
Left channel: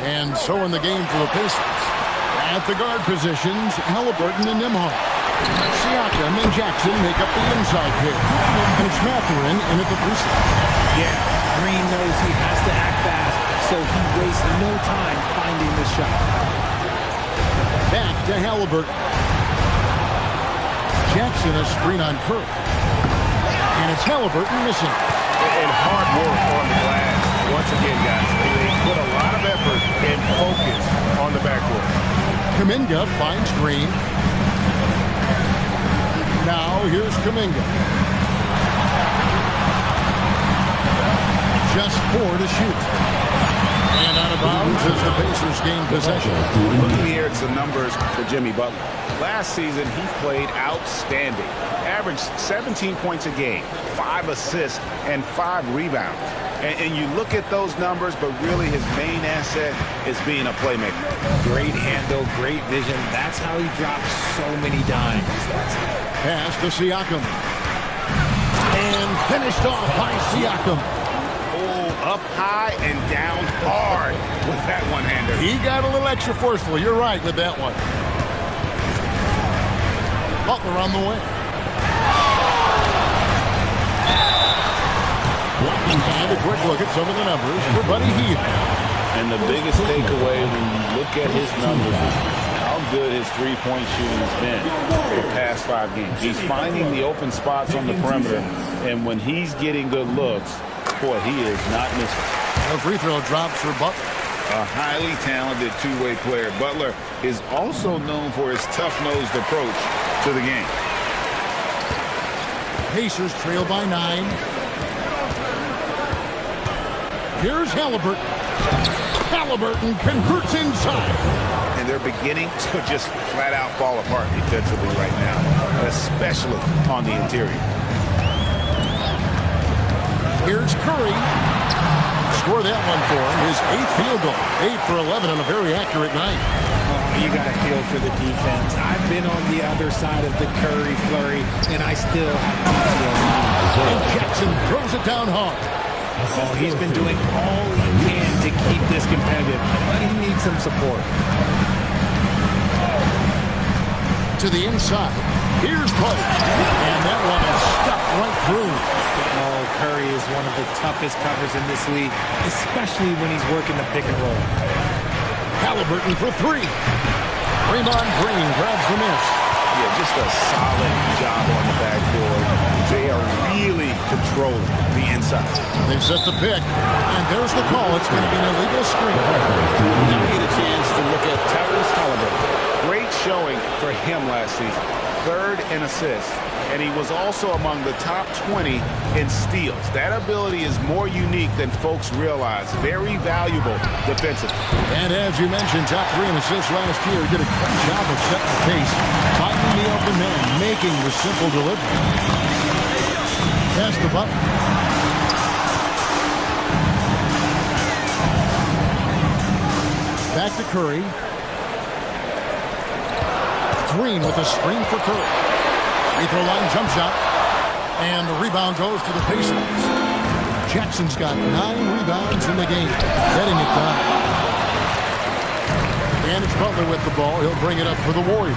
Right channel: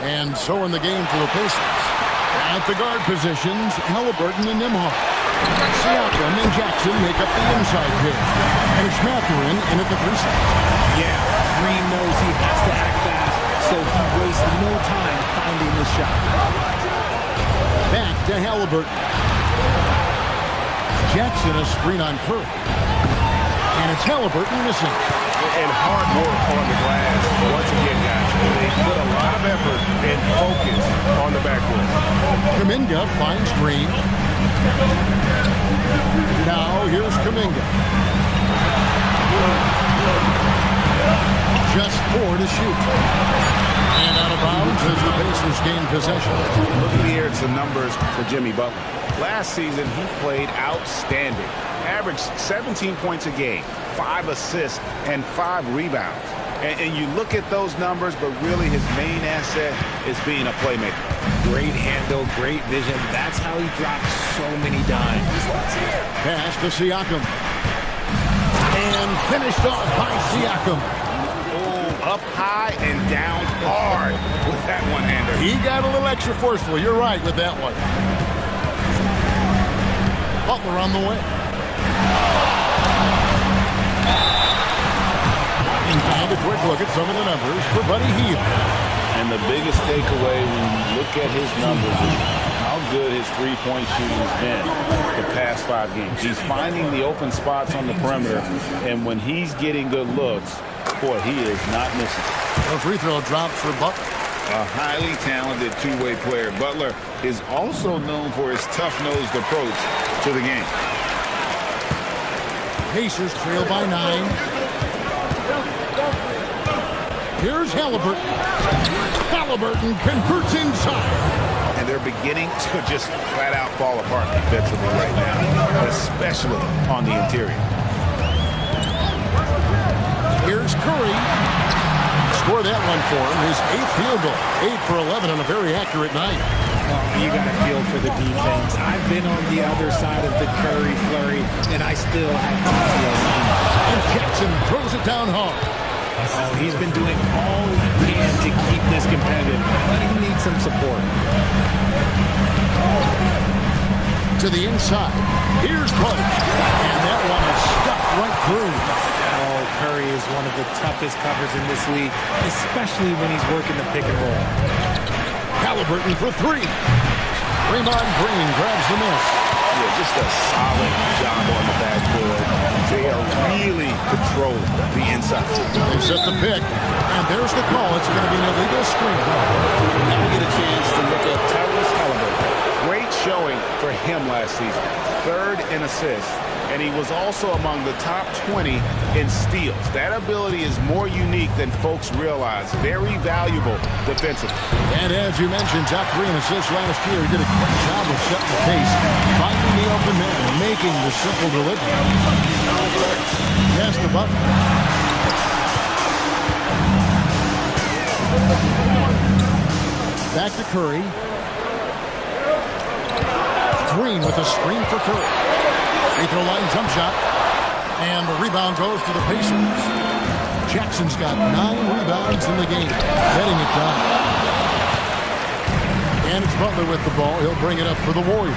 And so in the game for the Pacers. At the guard positions, Halliburton and Nembhard. Siakam and Jackson make up the inside pair. And it's Mathurin in at the 3 slot. Yeah, Green knows he has to act fast, so he wastes no time finding the shot. Back to Halliburton. Jackson a screen on Curry. And it's Halliburton missing. And hard work on the glass. Once again, guys, they put a lot of effort and focus on the backboard. Kuminga finds Green. Now here's Kuminga. Just 4 to shoot. And out of bounds as the Pacers gain possession. Looking here at some numbers for Jimmy Butler. Last season, he played outstanding. Averaged 17 points a game, 5 assists, and 5 rebounds. And you look at those numbers, but really his main asset is being a playmaker. Great handle, great vision. That's how he drops so many dimes. Pass to Siakam. And finished off by Siakam. Oh, up high and down hard with that one-hander. He got a little extra forceful. You're right with that one. Butler on the way. And a quick look at some of the numbers for Buddy Hield. And the biggest takeaway when you look at his numbers is how good his three-point shooting has been the past 5 games. He's finding the open spots on the perimeter, and when he's getting good looks, boy, he is not missing. A free throw drops for Butler. A highly talented two-way player. Butler is also known for his tough-nosed approach to the game. Pacers trail by 9. Here's Halliburton. Halliburton converts inside. And they're beginning to just flat-out fall apart defensively right now, especially on the interior. Here's Curry. Score that one for him. His 8th field goal. 8 for 11 on a very accurate night. Oh, you got to feel for the defense. I've been on the other side of the Curry flurry, and I still have PTSD. And Jackson throws it down hard. Oh, he's been doing all he can to keep this competitive, but he needs some support. to the inside. Here's Poach. And that one is stuffed right through. Oh, Curry is one of the toughest covers in this league, especially when he's working the pick and roll. Halliburton for three. Draymond Green grabs the miss. Yeah, just a solid job on the backboard. They are really controlling the inside. They set the pick, and there's the call. It's going to be an illegal screen. Now we get a chance to look at Tyrese Halliburton. Great showing for him last season. 3rd in assists, and he was also among the top 20 in steals. That ability is more unique than folks realize. Very valuable defensively. And as you mentioned, top 3 in assists last year. He did a great job of setting the pace, finding the open man, making the simple delivery. Pass to Butler. Back to Curry. Green with a screen for Curry. Free throw line jump shot. And the rebound goes to the Pacers. Jackson's got 9 rebounds in the game, getting it done. And it's Butler with the ball. He'll bring it up for the Warriors.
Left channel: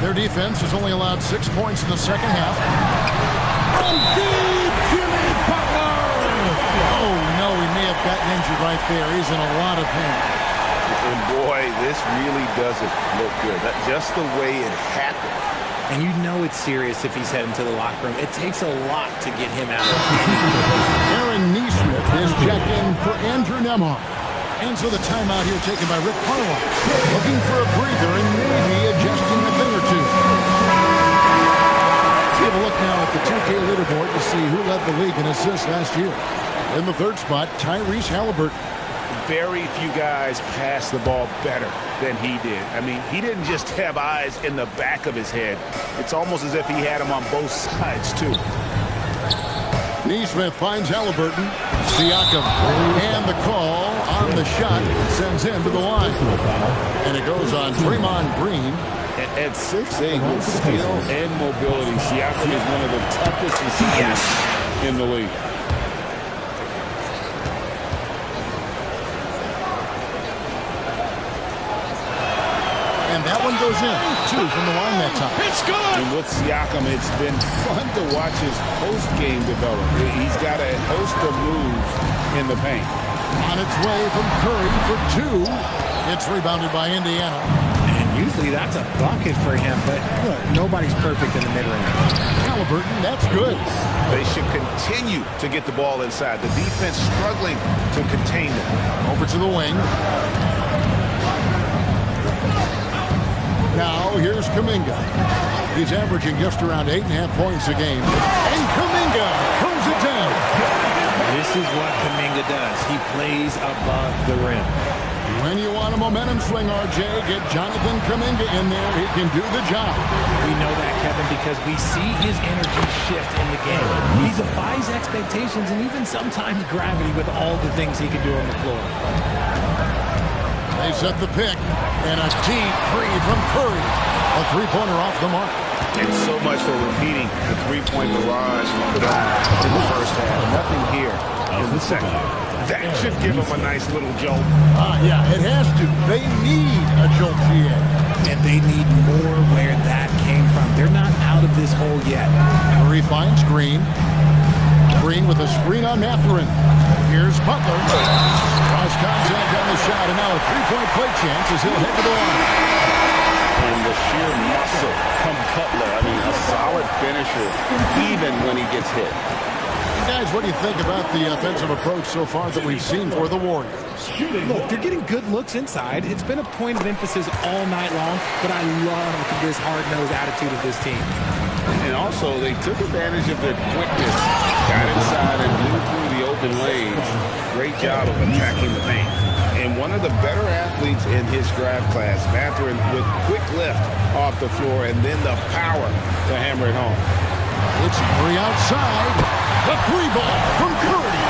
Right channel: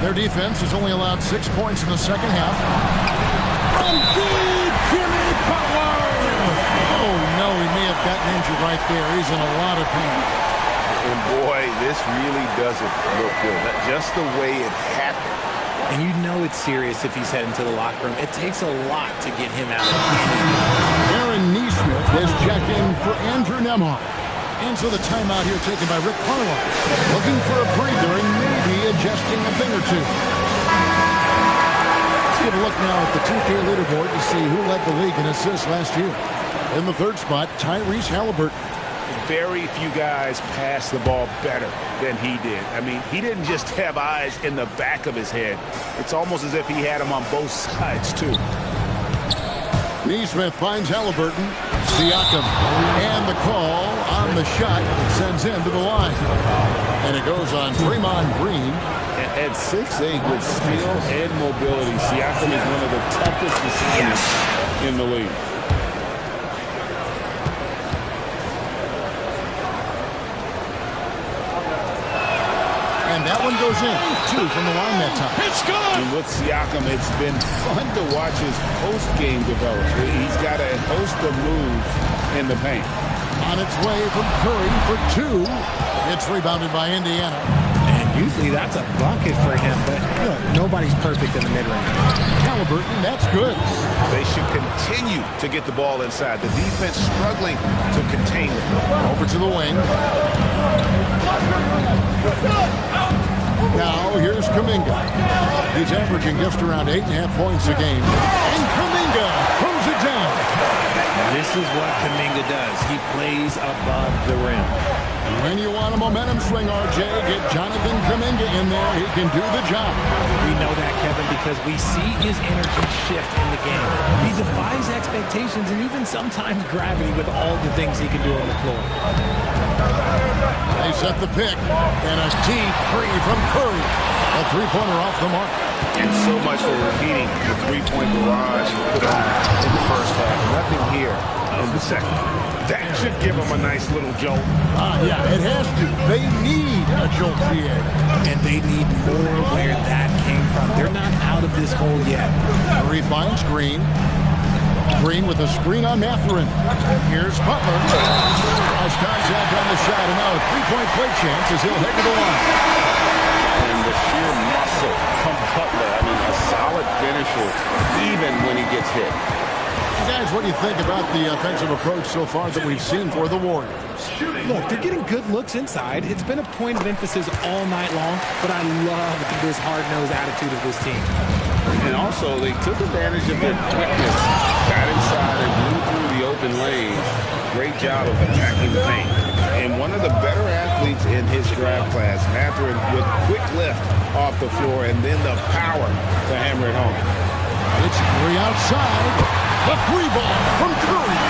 Their defense has only allowed 6 points in the second half. From deep, Jimmy Butler! Oh, no, he may have gotten injured right there. He's in a lot of pain. And boy, this really doesn't look good. Just the way it happened. And you know it's serious if he's heading to the locker room. It takes a lot to get him out of anything. Aaron Neesmith is checked in for Andrew Nembhard. And so the timeout here taken by Rick Carlisle. Looking for a breather and maybe adjusting a thing or two. Let's give a look now at the 2K leaderboard to see who led the league in assists last year. In the 3rd spot, Tyrese Halliburton. Very few guys pass the ball better than he did. I mean, he didn't just have eyes in the back of his head. It's almost as if he had them on both sides, too. Neesmith finds Halliburton. Siakam. And the call on the shot that sends him to the line. And it goes on Draymond Green. At 6'8", with skill and mobility, Siakam is one of the toughest receivers in the league. And that one goes in. 2 from the line that time. It's good. And with Siakam, it's been fun to watch his post-game develop. He's got a host of moves in the paint. On its way from Curry for 2. It's rebounded by Indiana. And usually that's a bucket for him, but look, nobody's perfect in the mid-range. Halliburton, that's good. They should continue to get the ball inside. The defense struggling to contain them. Over to the wing. Now, here's Kuminga. He's averaging just around 8.5 points a game. And Kuminga throws it down. This is what Kuminga does. He plays above the rim. When you want a momentum swing, RJ, get Jonathan Kuminga in there. He can do the job. We know that, Kevin, because we see his energy shift in the game. He defies expectations and even sometimes gravity with all the things he can do on the floor. They set the pick, and a deep three from Curry. A three-pointer off the mark. And so much for repeating the three-point barrage put on in the first half. Nothing here in the second. That should give them a nice little jolt. Yeah, it has to. They need a jolt, GA. And they need more where that came from. They're not out of this hole yet. Curry finds Green. Green with a screen on Mathurin. Here's Butler. Cross contact on the shot, and now a three-point play chance as he'll head to the line. And the sheer muscle from Butler. I mean, a solid finisher even when he gets hit. Guys, what do you think about the offensive approach so far that we've seen for the Warriors? Look, they're getting good looks inside. It's been a point of emphasis all night long, but I love this hard-nosed attitude of this team. And also, they took advantage of their quickness, got inside and blew through the open lanes. Great job of attacking the paint. And one of the better athletes in his draft class, Mathurin, with quick lift off the floor and then the power to hammer it home. It's Curry outside. The three ball from Curry.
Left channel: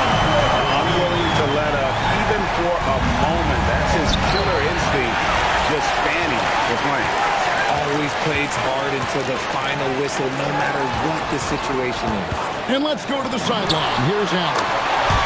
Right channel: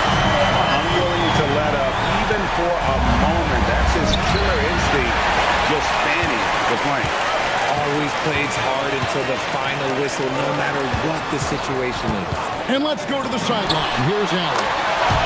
Unwilling to let up even for a moment. That's his killer instinct, just fanning the flame. Always plays hard until the final whistle, no matter what the situation is. And let's go to the sideline. Here's Allen.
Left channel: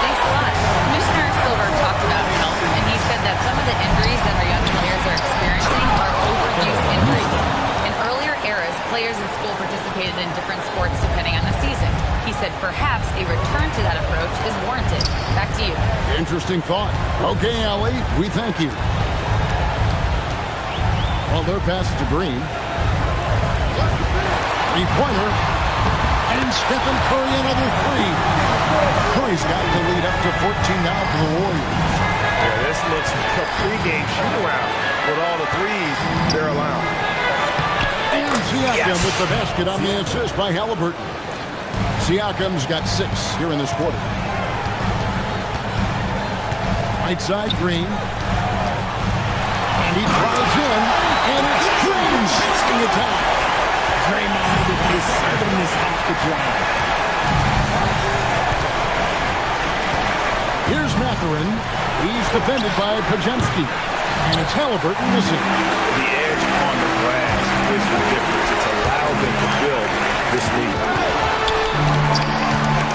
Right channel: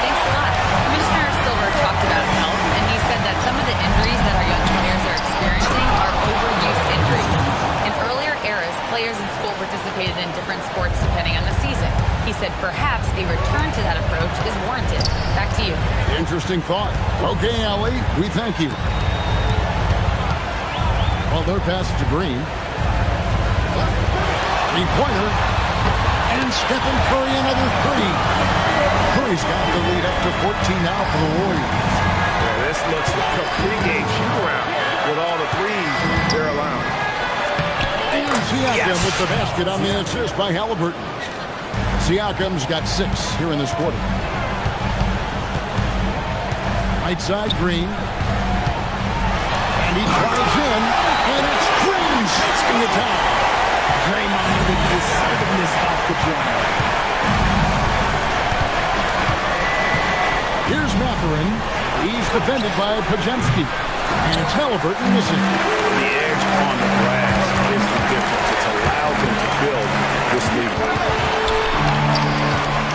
Thanks a lot. Commissioner Silver talked about health, and he said that some of the injuries that our young players are experiencing are overuse injuries. And earlier eras, players in school participated in different sports depending on the season. He said perhaps a return to that approach is warranted. Back to you. Interesting thought. Okay, Allie, we thank you. Well, their pass to Green. Three-pointer. And Stephen Curry, another three. Curry's got the lead up to 14 now for the Warriors. Yeah, this looks like a pregame shoot-around with all the threes they're allowing. And Siakam with the basket on the assist by Halliburton. Siakam's got 6 here in this quarter. Right side, Green. And he drives in, and it's Green shooting it down. Draymond with the assertiveness off the drive. Here's Mathurin. He's defended by Pajemski. And it's Halliburton missing. The edge on the glass is the difference. It's allowed them to build this lead.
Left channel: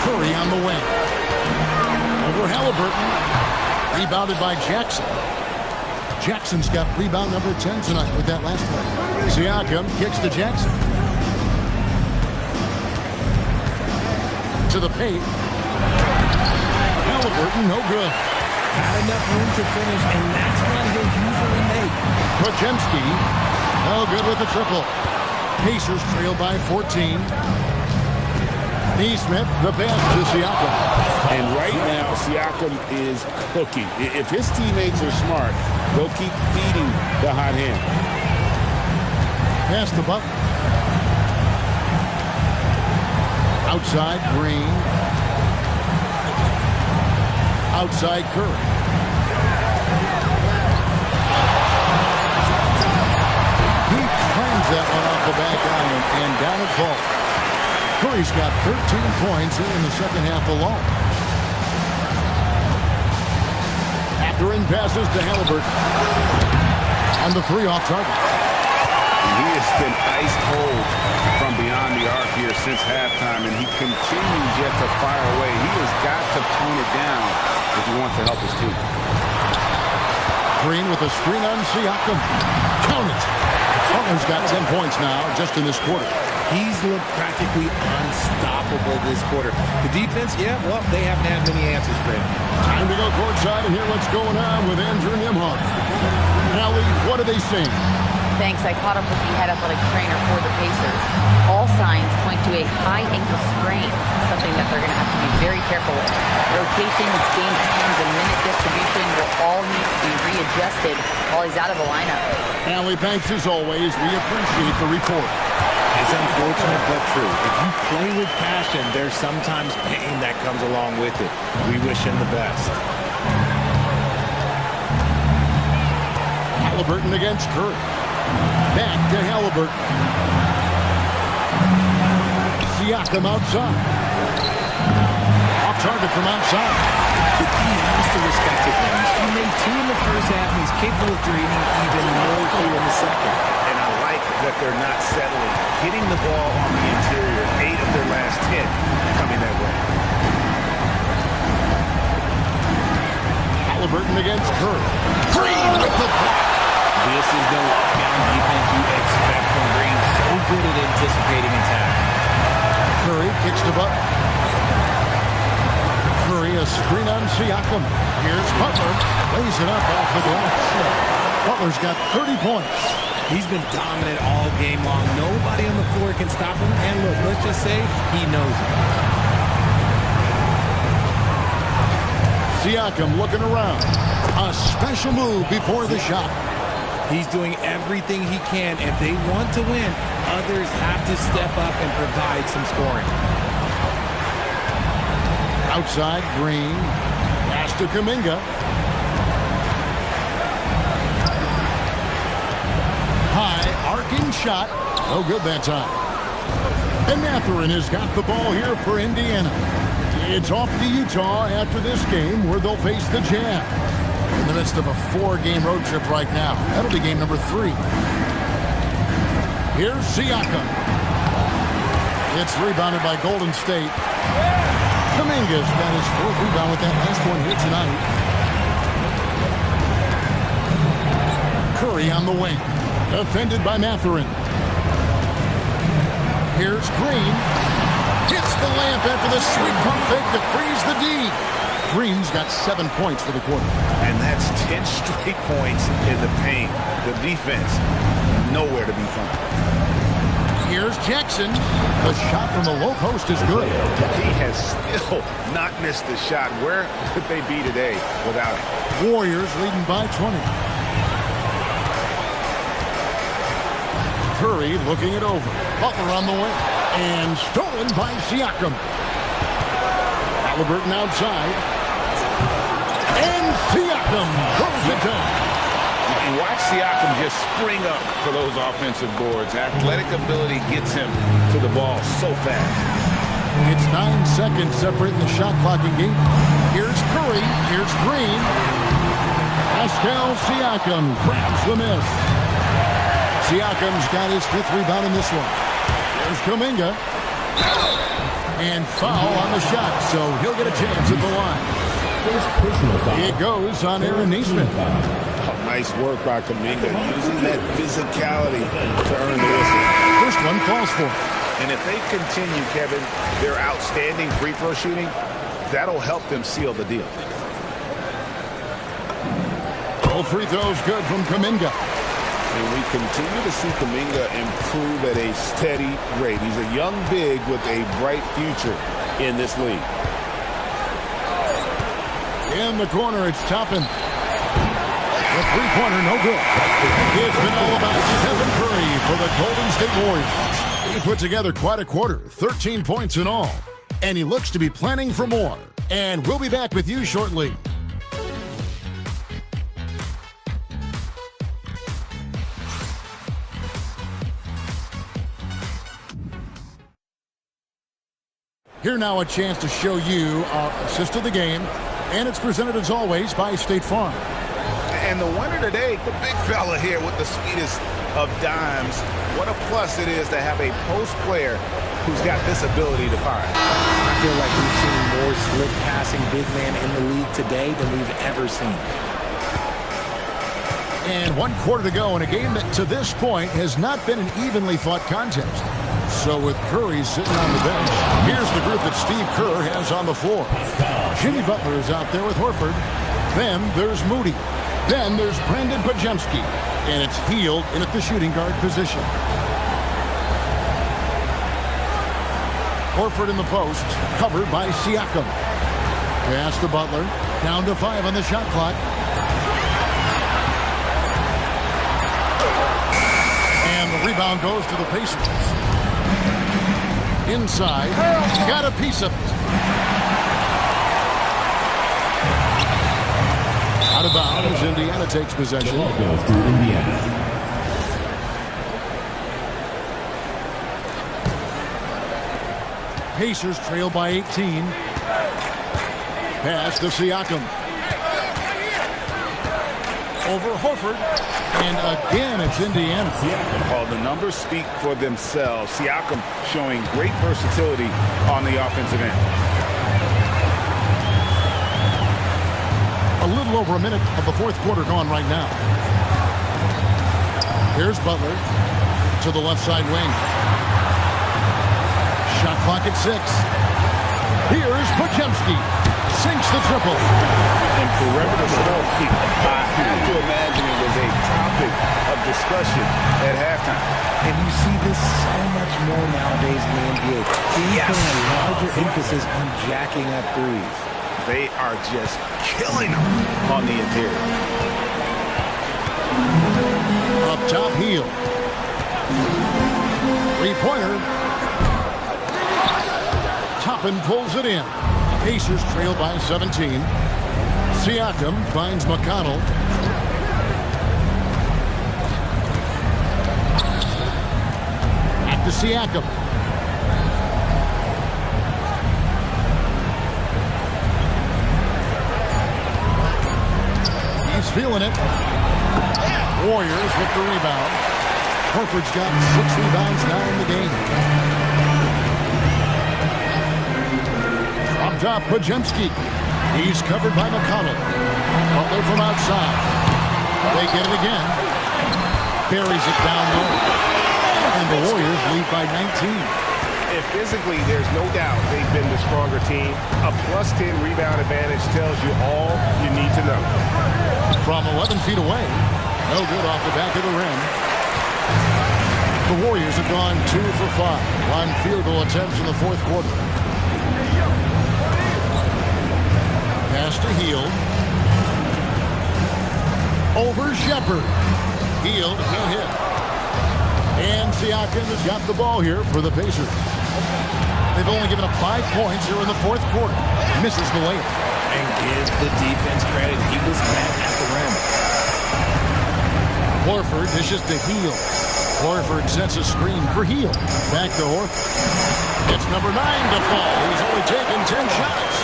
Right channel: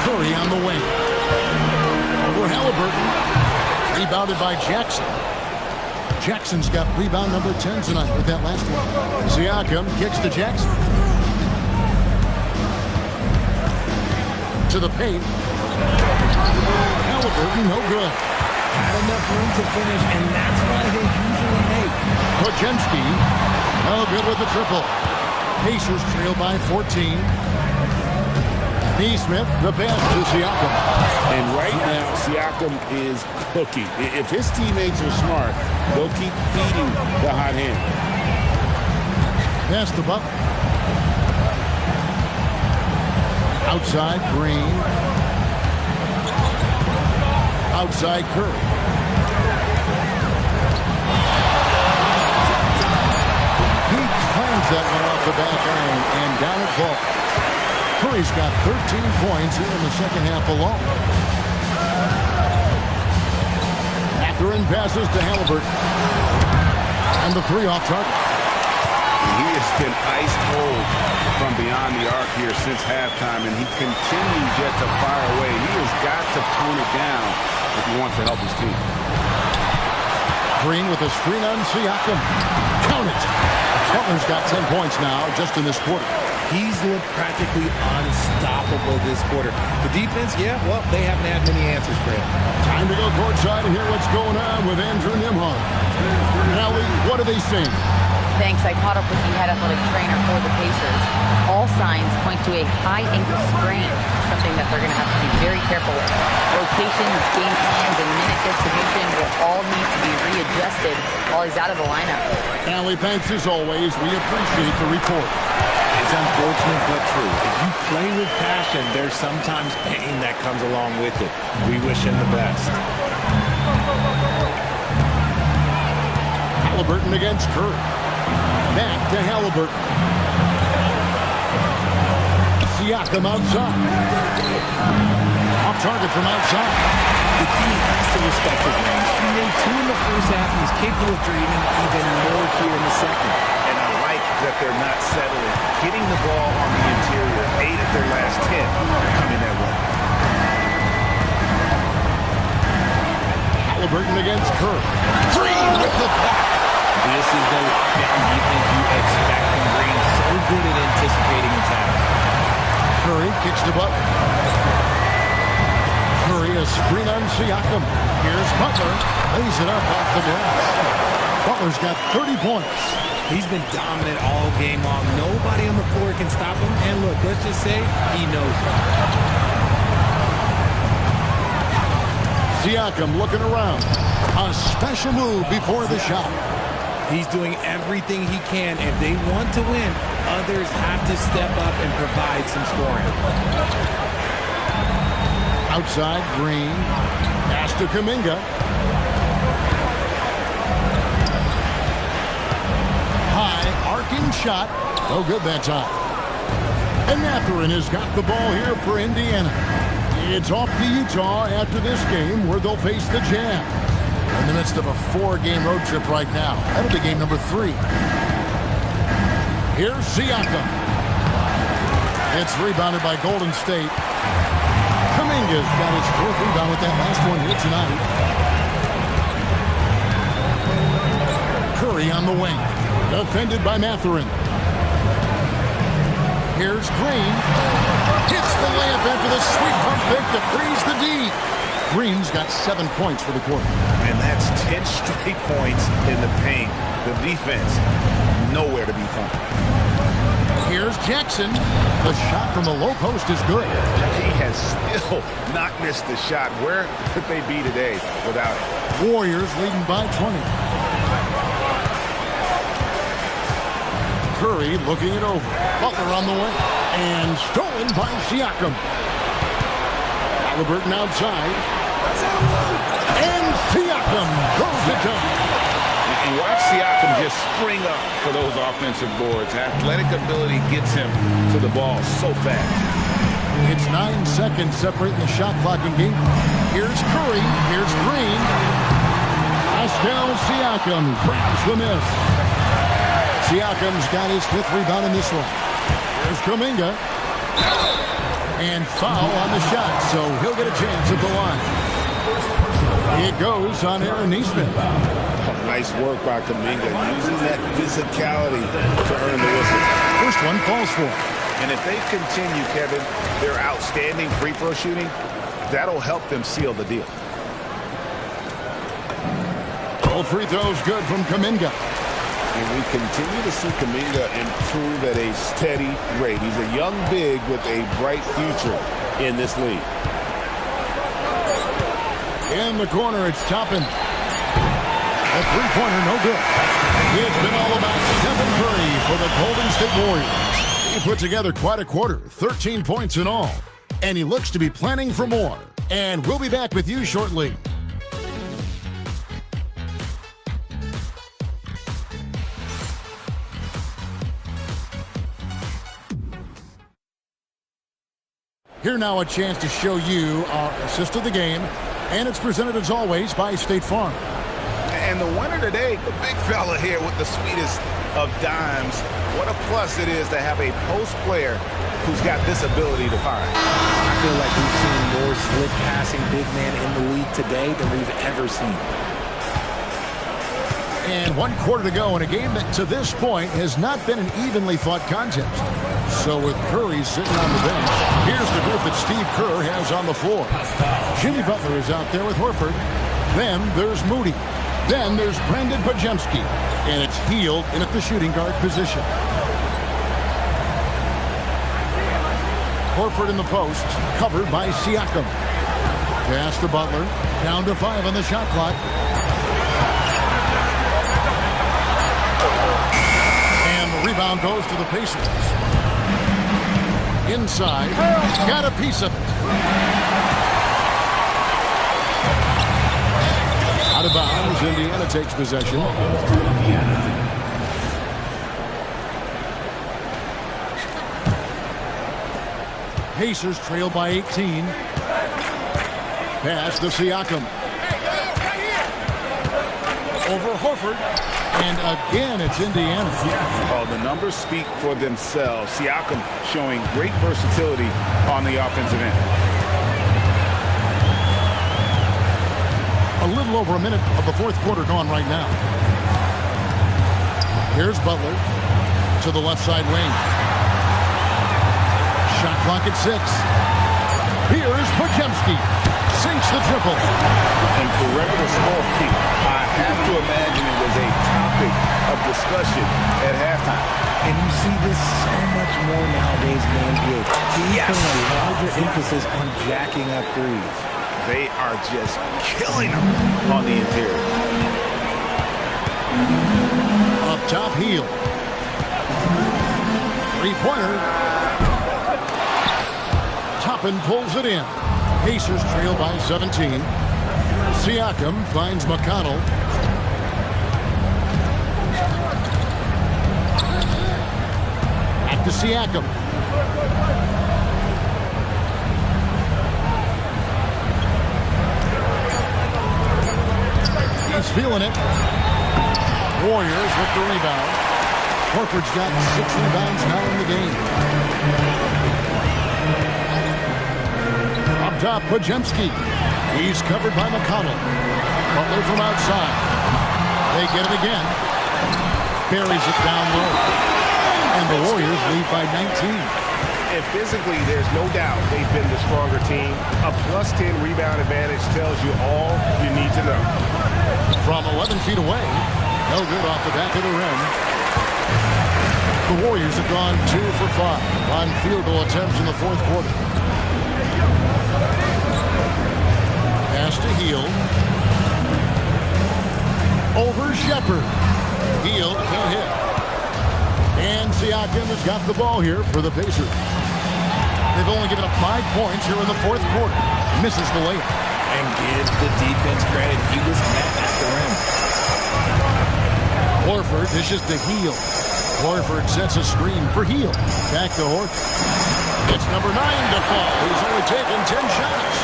Curry on the wing. Over Halliburton. Rebounded by Jackson. Jackson's got rebound number 10 tonight with that last one. Siakam kicks to Jackson. To the paint. Halliburton, no good. Had enough room to finish, and that's what he'll usually make. Pajemski, no good with the triple. Pacers trail by 14. Neesmith, the pass to Siakam. And right now, Siakam is cooking. If his teammates are smart, they'll keep feeding the hot hand. Pass the buck. Outside, Green. Outside, Curry. He clangs that one off the back iron, and down it falls. Curry's got 13 points here in the second half alone. Mathurin passes to Halliburton. And the three off target. And he has been ice cold from beyond the arc here since halftime, and he continues yet to fire away. He has got to tone it down if he wants to help his team. Green with a screen on Siakam. Count it. Butler's got 10 points now just in this quarter. He's looked practically unstoppable this quarter. The defense, yeah, well, they haven't had many answers for him. Time to go courtside and hear what's going on with Andrew Nembhard. Allie, what are they saying? Thanks. I caught up with the head athletic trainer for the Pacers. All signs point to a high ankle sprain, something that they're going to have to be very careful with. Rotations, game plans, and minute distribution will all need to be readjusted while he's out of the lineup. Allie, thanks as always. We appreciate the report. It's unfortunate but true. If you play with passion, there's sometimes pain that comes along with it. We wish him the best. Halliburton against Curry. Back to Halliburton. Siakam outside. Off target from outside. The D has to respect his range. He made 2 in the first half, and he's capable of dreaming even more here in the second. And I like that they're not settling. Hitting the ball on the interior, 8 of their last 10 coming that way. Halliburton against Curry. Green with the block. This is the lockdown defense you expect from Green. So good at anticipating attacks. Curry kicks to Butler. Curry, a screen on Siakam. Here's Butler. Lays it up off the glass. Butler's got 30 points. He's been dominant all game long. Nobody on the floor can stop him. And look, let's just say he knows it. Siakam looking around. A special move before the shot. He's doing everything he can. If they want to win, others have to step up and provide some scoring. Outside, Green. Pass to Kuminga. High, arcing shot. No good that time. And Mathurin has got the ball here for Indiana. It's off to Utah after this game where they'll face the Jazz. We're in the midst of a 4-game road trip right now. That'll be game number 3. Here's Siakam. It's rebounded by Golden State. Kuminga's got his 4th rebound with that last one here tonight. Curry on the wing. Defended by Mathurin. Here's Green. Hits the layup after the sweet pump fake to freeze the D. Green's got 7 points for the quarter. And that's 10 straight points in the paint. The defense, nowhere to be found. Here's Jackson. The shot from the low post is good. He has still not missed a shot. Where would they be today without it? Warriors leading by 20. Curry looking it over. Butler on the way. And stolen by Siakam. Halliburton outside. And Siakam throws it down. And watch Siakam just spring up for those offensive boards. Athletic ability gets him to the ball so fast. It's 9 seconds separating the shot clock in game. Here's Curry. Here's Green. Pascal Siakam grabs the miss. Siakam's got his 5th rebound in this one. Here's Kuminga. And foul on the shot, so he'll get a chance at the line. It goes on Aaron Nesmith. Oh, nice work by Kuminga, using that physicality to earn the whistle. First one falls for him. And if they continue, Kevin, their outstanding free throw shooting, that'll help them seal the deal. All free throws good from Kuminga. And we continue to see Kuminga improve at a steady rate. He's a young big with a bright future in this league. In the corner, it's Toppin. The three-pointer, no good. It's been all about Stephen Curry for the Golden State Warriors. He put together quite a quarter, 13 points in all. And he looks to be planning for more. And we'll be back with you shortly. Here now a chance to show you our assist of the game. And it's presented as always by State Farm. And the winner today, the big fella here with the sweetest of dimes. What a plus it is to have a post player who's got this ability to find. I feel like we've seen more slick passing big man in the league today than we've ever seen. And 1 quarter to go in a game that to this point has not been an evenly fought contest. So with Curry sitting on the bench, here's the group that Steve Kerr has on the floor. Jimmy Butler is out there with Horford. Then there's Moody. Then there's Brandon Pajemski. And it's Hield in at the shooting guard position. Horford in the post, covered by Siakam. Pass to Butler. Down to 5 on the shot clock. And the rebound goes to the Pacers. Inside, got a piece of it. Out of bounds, Indiana takes possession. Pacers trail by 18. Pass to Siakam. Over Horford. And again, it's Indiana. Oh, the numbers speak for themselves. Siakam showing great versatility on the offensive end. A little over a minute of the 4th quarter gone right now. Here's Butler to the left side wing. Shot clock at 6. Here's Pajemski. Sinks the triple. And perimeter scoring, I have to imagine it was a topic of discussion at halftime. And you see this so much more nowadays in the NBA. Teams putting a larger emphasis on jacking up threes. They are just killing them on the interior. Up top, Hield. Three-pointer. Toppin pulls it in. Pacers trail by 17. Siakam finds McConnell. Back to Siakam. He's feeling it. Warriors with the rebound. Horford's got 6 rebounds now in the game. Up top, Pajemski. He's covered by McConnell. Butler from outside. They get it again. Buries it down low. And the Warriors lead by 19. And physically, there's no doubt they've been the stronger team. A +10 rebound advantage tells you all you need to know. From 11 feet away, no good off the back of the rim. The Warriors have gone 2 for 5 on field goal attempts in the fourth quarter. Pass to Hield. Over Shepherd. Hield can't hit. And Siakam has got the ball here for the Pacers. They've only given up 5 points here in the fourth quarter. Misses the layup. And gives the defense credit. He was met at the rim. Horford dishes to Hield. Horford sets a screen for Hield. Back to Horford. It's number 9 to fall. He's only taken 10 shots.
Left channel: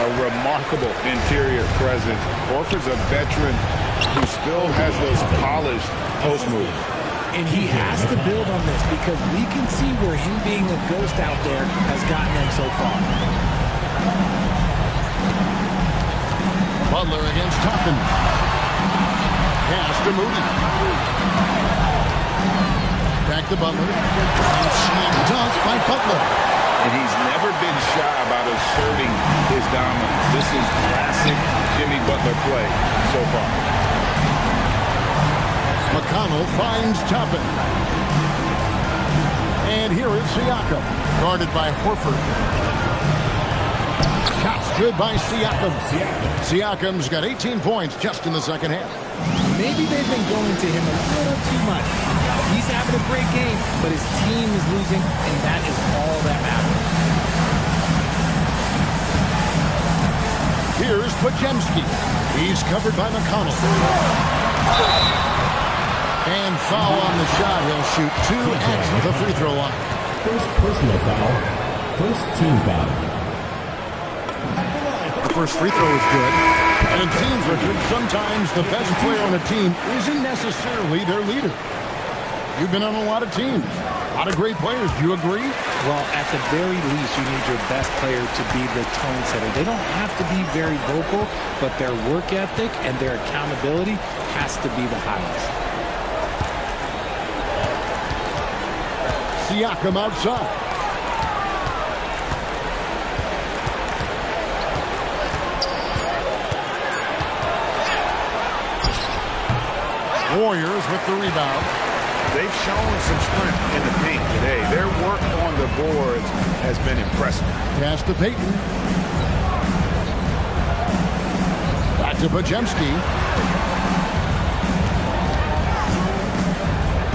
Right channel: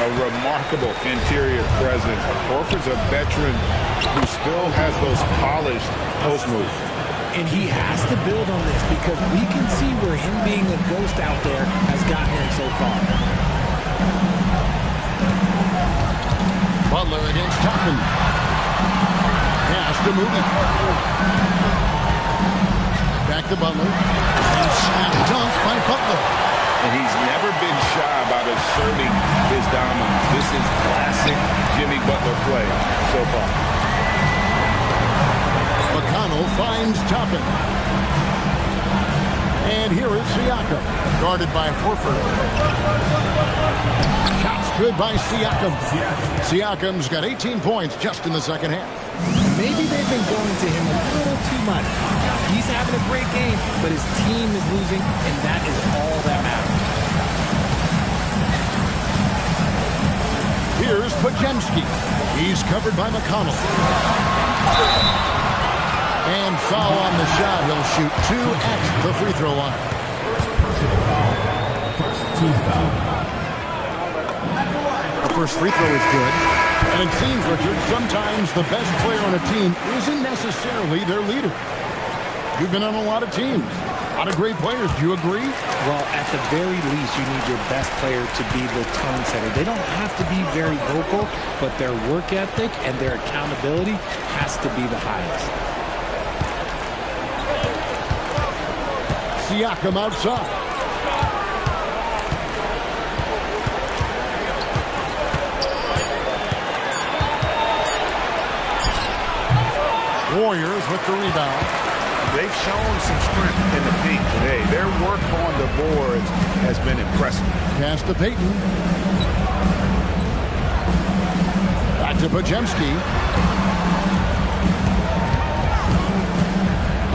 A remarkable interior presence. Horford's a veteran who still has those polished post moves. And he has to build on this because we can see where him being a ghost out there has gotten him so far. Butler against Toppin. Pass to Moody. Back to Butler. And slam dunk by Butler. And he's never been shy about asserting his dominance. This is classic Jimmy Butler play so far. McConnell finds Toppin. And here is Siakam, guarded by Horford. Shots good by Siakam. Siakam's got 18 points just in the second half. Maybe they've been going to him a little too much. Now, he's having a great game, but his team is losing, and that is all that matters. Here's Podziemski. He's covered by McConnell. And foul on the shot. He'll shoot 2 at the free throw line. First personal foul. First team foul. The first free throw is good. And it seems, Richard, sometimes the best player on a team isn't necessarily their leader. You've been on a lot of teams. A lot of great players. Do you agree? Well, at the very least, you need your best player to be the tone setter. They don't have to be very vocal, but their work ethic and their accountability has to be the highest. Siakam outside. Warriors with the rebound. They've shown some strength in the paint today. Their work on the boards has been impressive. Pass to Payton. Back to Podziemski.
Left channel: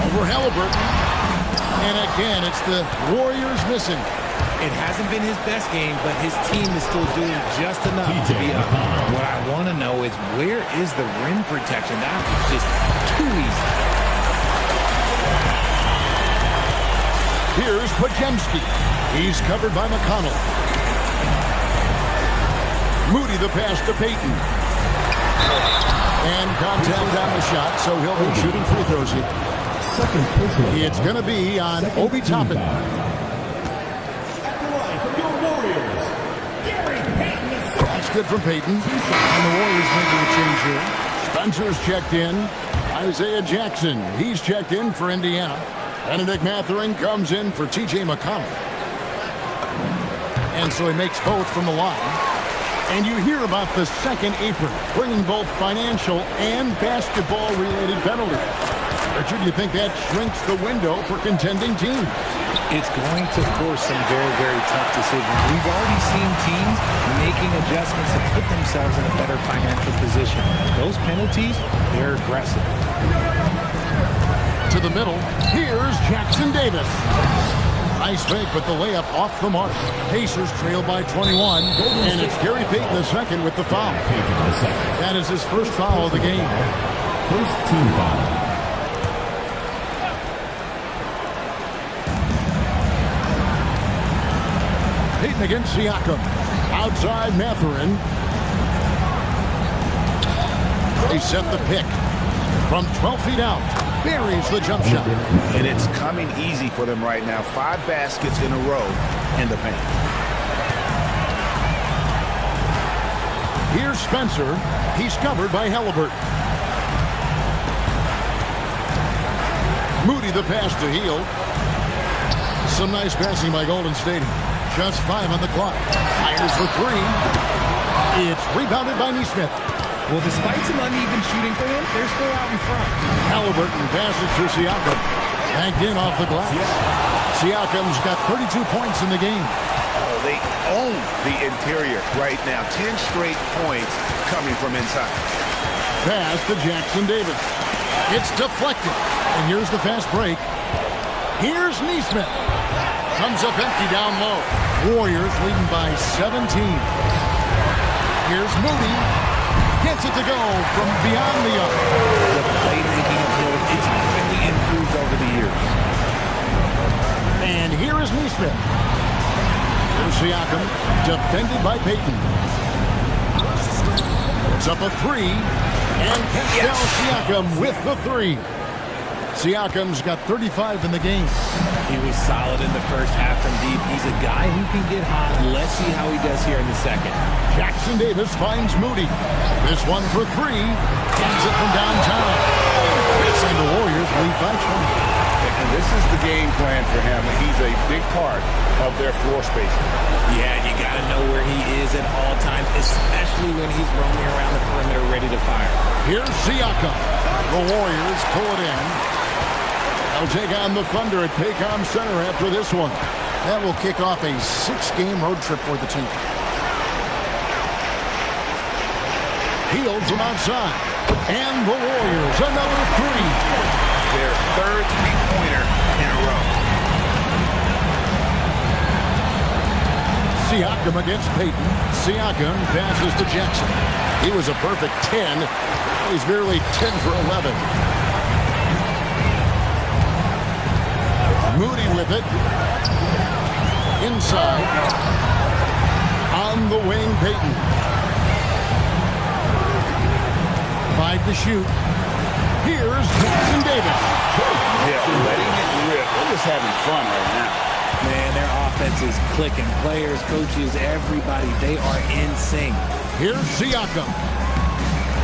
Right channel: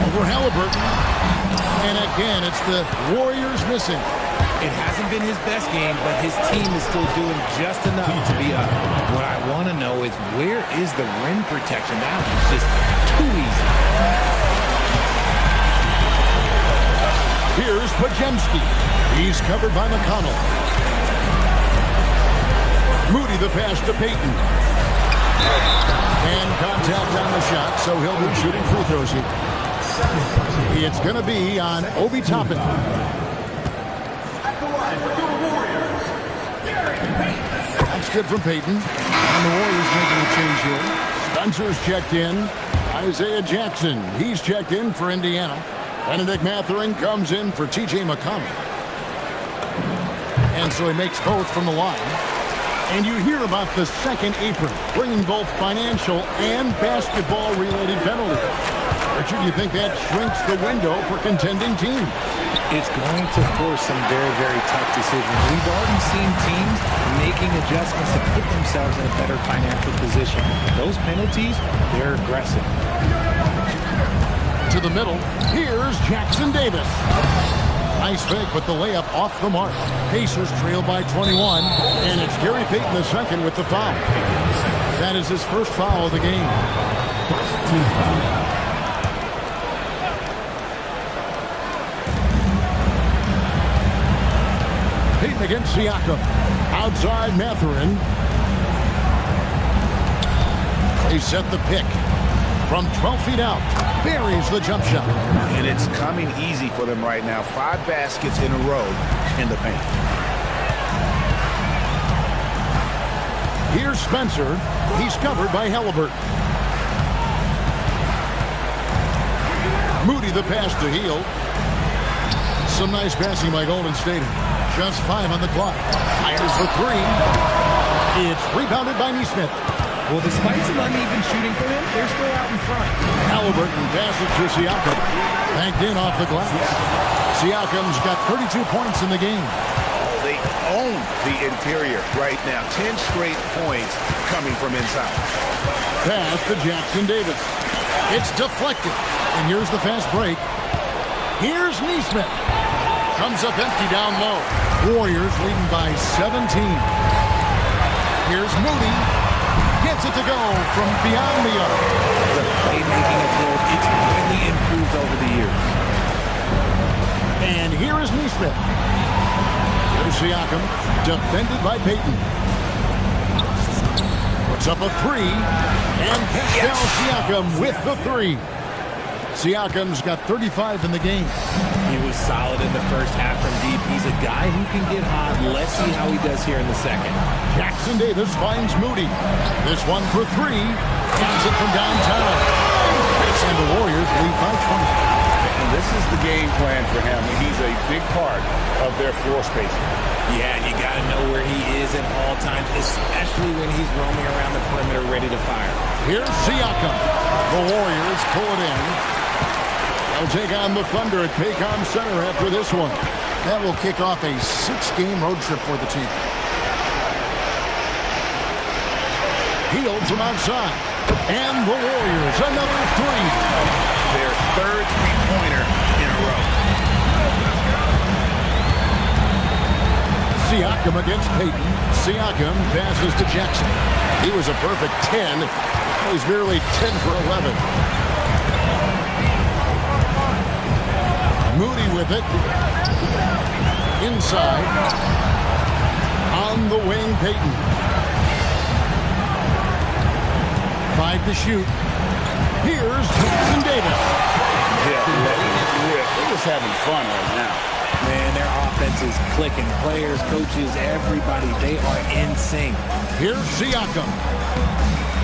Over Halliburton. And again, it's the Warriors missing. It hasn't been his best game, but his team is still doing just enough to be up. What I want to know is where is the rim protection? That was just too easy. Here's Podziemski. He's covered by McConnell. Moody the pass to Payton. And contact on the shot, so he'll be shooting free throws here. It's going to be on Obi Toppin. That's good from Payton. And the Warriors making a change here. Spencer's checked in. Isaiah Jackson, he's checked in for Indiana. Benedict Mathurin comes in for T.J. McConnell. And so he makes both from the line. And you hear about the second apron, bringing both financial and basketball-related penalties. Richard, you think that shrinks the window for contending teams? It's going to force some very, very tough decisions. We've already seen teams making adjustments to put themselves in a better financial position. Those penalties, they're aggressive. To the middle, here's Jackson Davis. Nice fake, but the layup off the mark. Pacers trail by 21, and it's Gary Payton II with the foul. That is his first foul of the game. First team foul. Payton against Siakam. Outside Mathurin. They set the pick. From 12 feet out, buries the jump shot. And it's coming easy for them right now. 5 baskets in a row in the paint. Here's Spencer. He's covered by Halliburton. Moody the pass to Hield. Some nice passing by Golden State. Just 5 on the clock. Fires for 3. It's rebounded by Neesmith. Well, despite some uneven shooting for him, they're still out in front. Halliburton passes to Siakam. Banked in off the glass. Siakam's got 32 points in the game. Oh, they own the interior right now. 10 straight points coming from inside. Pass to Jackson Davis. It's deflected. And here's the fast break. Here's Neesmith. Comes up empty down low. Warriors leading by 17. Here's Moody. Gets it to go from beyond the arc. The playmaking of Hill, it's really improved over the years. And here is Neesmith. Here's Siakam, defended by Payton. Puts up a 3. And Pascal Siakam with the 3. Siakam's got 35 in the game. He was solid in the first half from deep. He's a guy who can get hot. Let's see how he does here in the second. Jackson Davis finds Moody. This one for 3. Hands it from downtown. And the Warriors lead by 20. And this is the game plan for him. He's a big part of their floor spacing. Yeah, and you got to know where he is at all times, especially when he's roaming around the perimeter ready to fire. Here's Siakam. The Warriors pull it in. They'll take on the Thunder at Paycom Center after this one. That will kick off a 6-game road trip for the team. Healed from outside. And the Warriors, another 3. Their third three-pointer in a row. Siakam against Payton. Siakam passes to Jackson. He was a perfect 10. Now he's merely 10 for 11. Moody with it. Inside. On the wing, Payton. 5 to shoot. Here's Jackson Davis. Yeah, letting it rip. They're just having fun right now. Man, their offense is clicking. Players, coaches, everybody, they are in sync. Here's Siakam.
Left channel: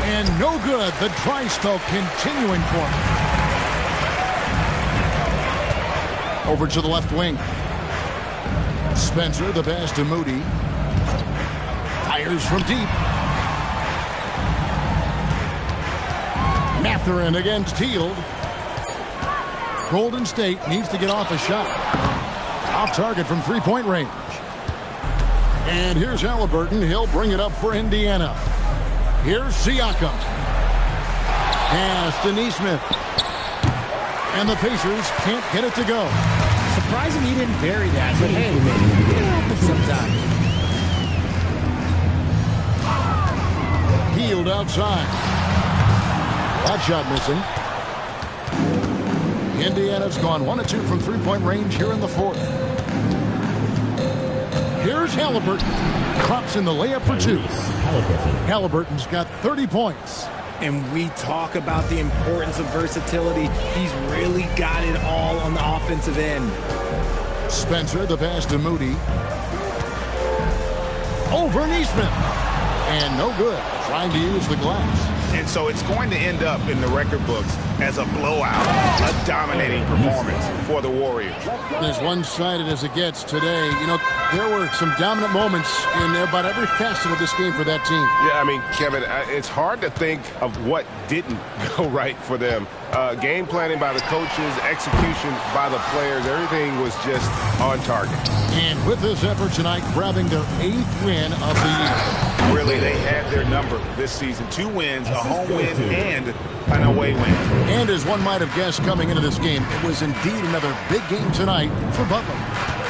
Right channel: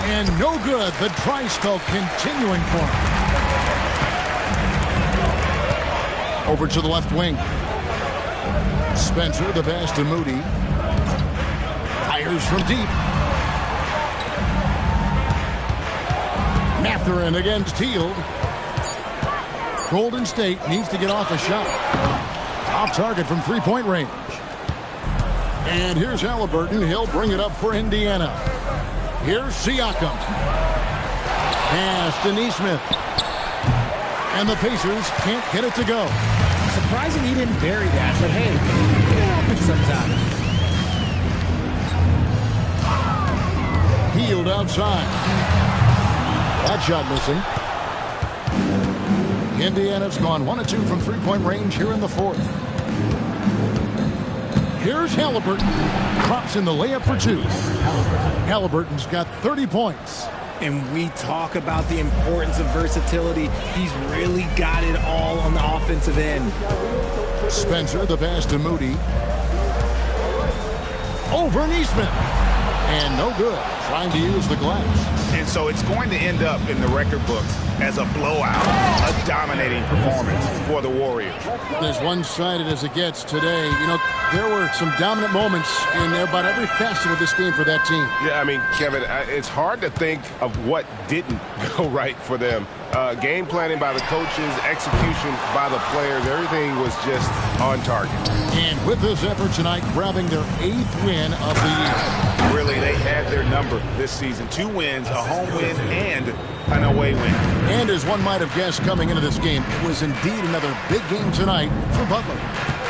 And no good. The dry spell continuing for him. Over to the left wing. Spencer, the pass to Moody. Fires from deep. Mathurin against Hield. Golden State needs to get off a shot. Off target from 3-point range. And here's Halliburton. He'll bring it up for Indiana. Here's Siakam. Pass to Neesmith. And the Pacers can't get it to go. Surprising he didn't bury that, but hey, it happens sometimes. Hield outside. That shot missing. Indiana's gone 1 of 2 from 3-point range here in the fourth. Here's Halliburton. Drops in the layup for 2. Halliburton's got 30 points. And we talk about the importance of versatility. He's really got it all on the offensive end. Spencer, the pass to Moody. Over Neesmith. And no good. Trying to use the glass. And so it's going to end up in the record books as a blowout, a dominating performance for the Warriors. As one-sided as it gets today, you know, there were some dominant moments in about every facet of this game for that team. Yeah, I mean, Kevin, it's hard to think of what didn't go right for them. Game planning by the coaches, execution by the players, everything was just on target. And with this effort tonight, grabbing their 8th win of the year. Really, they had their number this season. 2 wins, a home win, and an away win. And as one might have guessed coming into this game, it was indeed another big game tonight for Butler.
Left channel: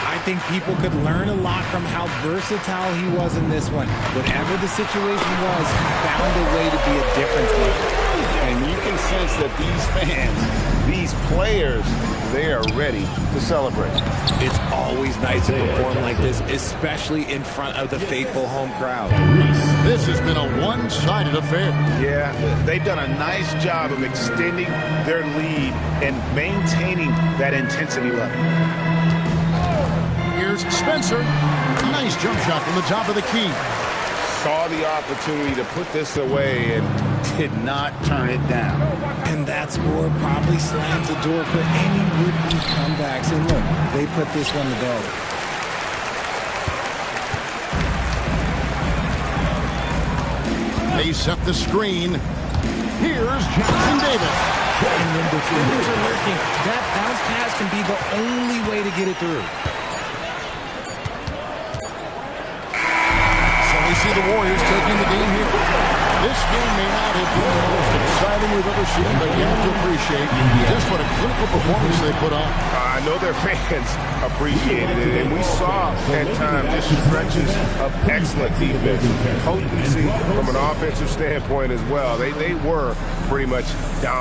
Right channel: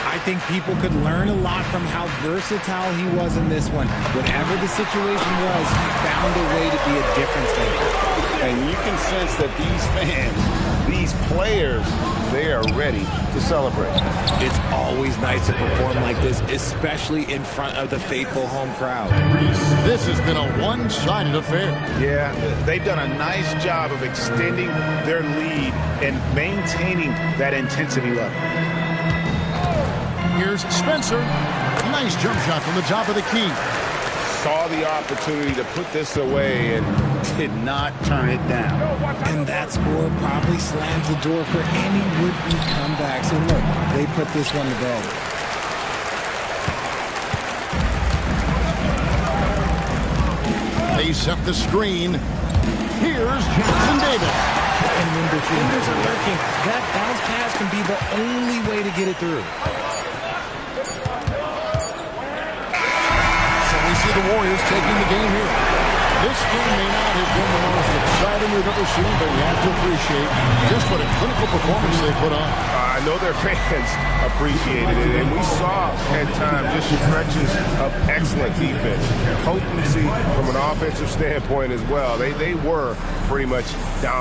I think people could learn a lot from how versatile he was in this one. Whatever the situation was, he found a way to be a difference maker. And you can sense that these fans, these players, they are ready to celebrate. It's always nice to perform like this, especially in front of the faithful home crowd. This has been a one-sided affair. Yeah, they've done a nice job of extending their lead and maintaining that intensity level. Here's Spencer. Nice jump shot from the top of the key. Saw the opportunity to put this away and did not turn it down. And that score probably slams the door for any would-be comebacks. And look, they put this one to bed. They set the screen. Here's Jackson Davis. And when defenders are lurking, that bounce pass can be the only way to get it through. So we see the Warriors taking the game here. This game may not have been the most exciting we've ever seen, but you have to appreciate just what a clinical performance they put on. I know their fans appreciated it, and we saw at times just stretches of excellent defense, potency from an offensive standpoint as well. They were pretty much dominant.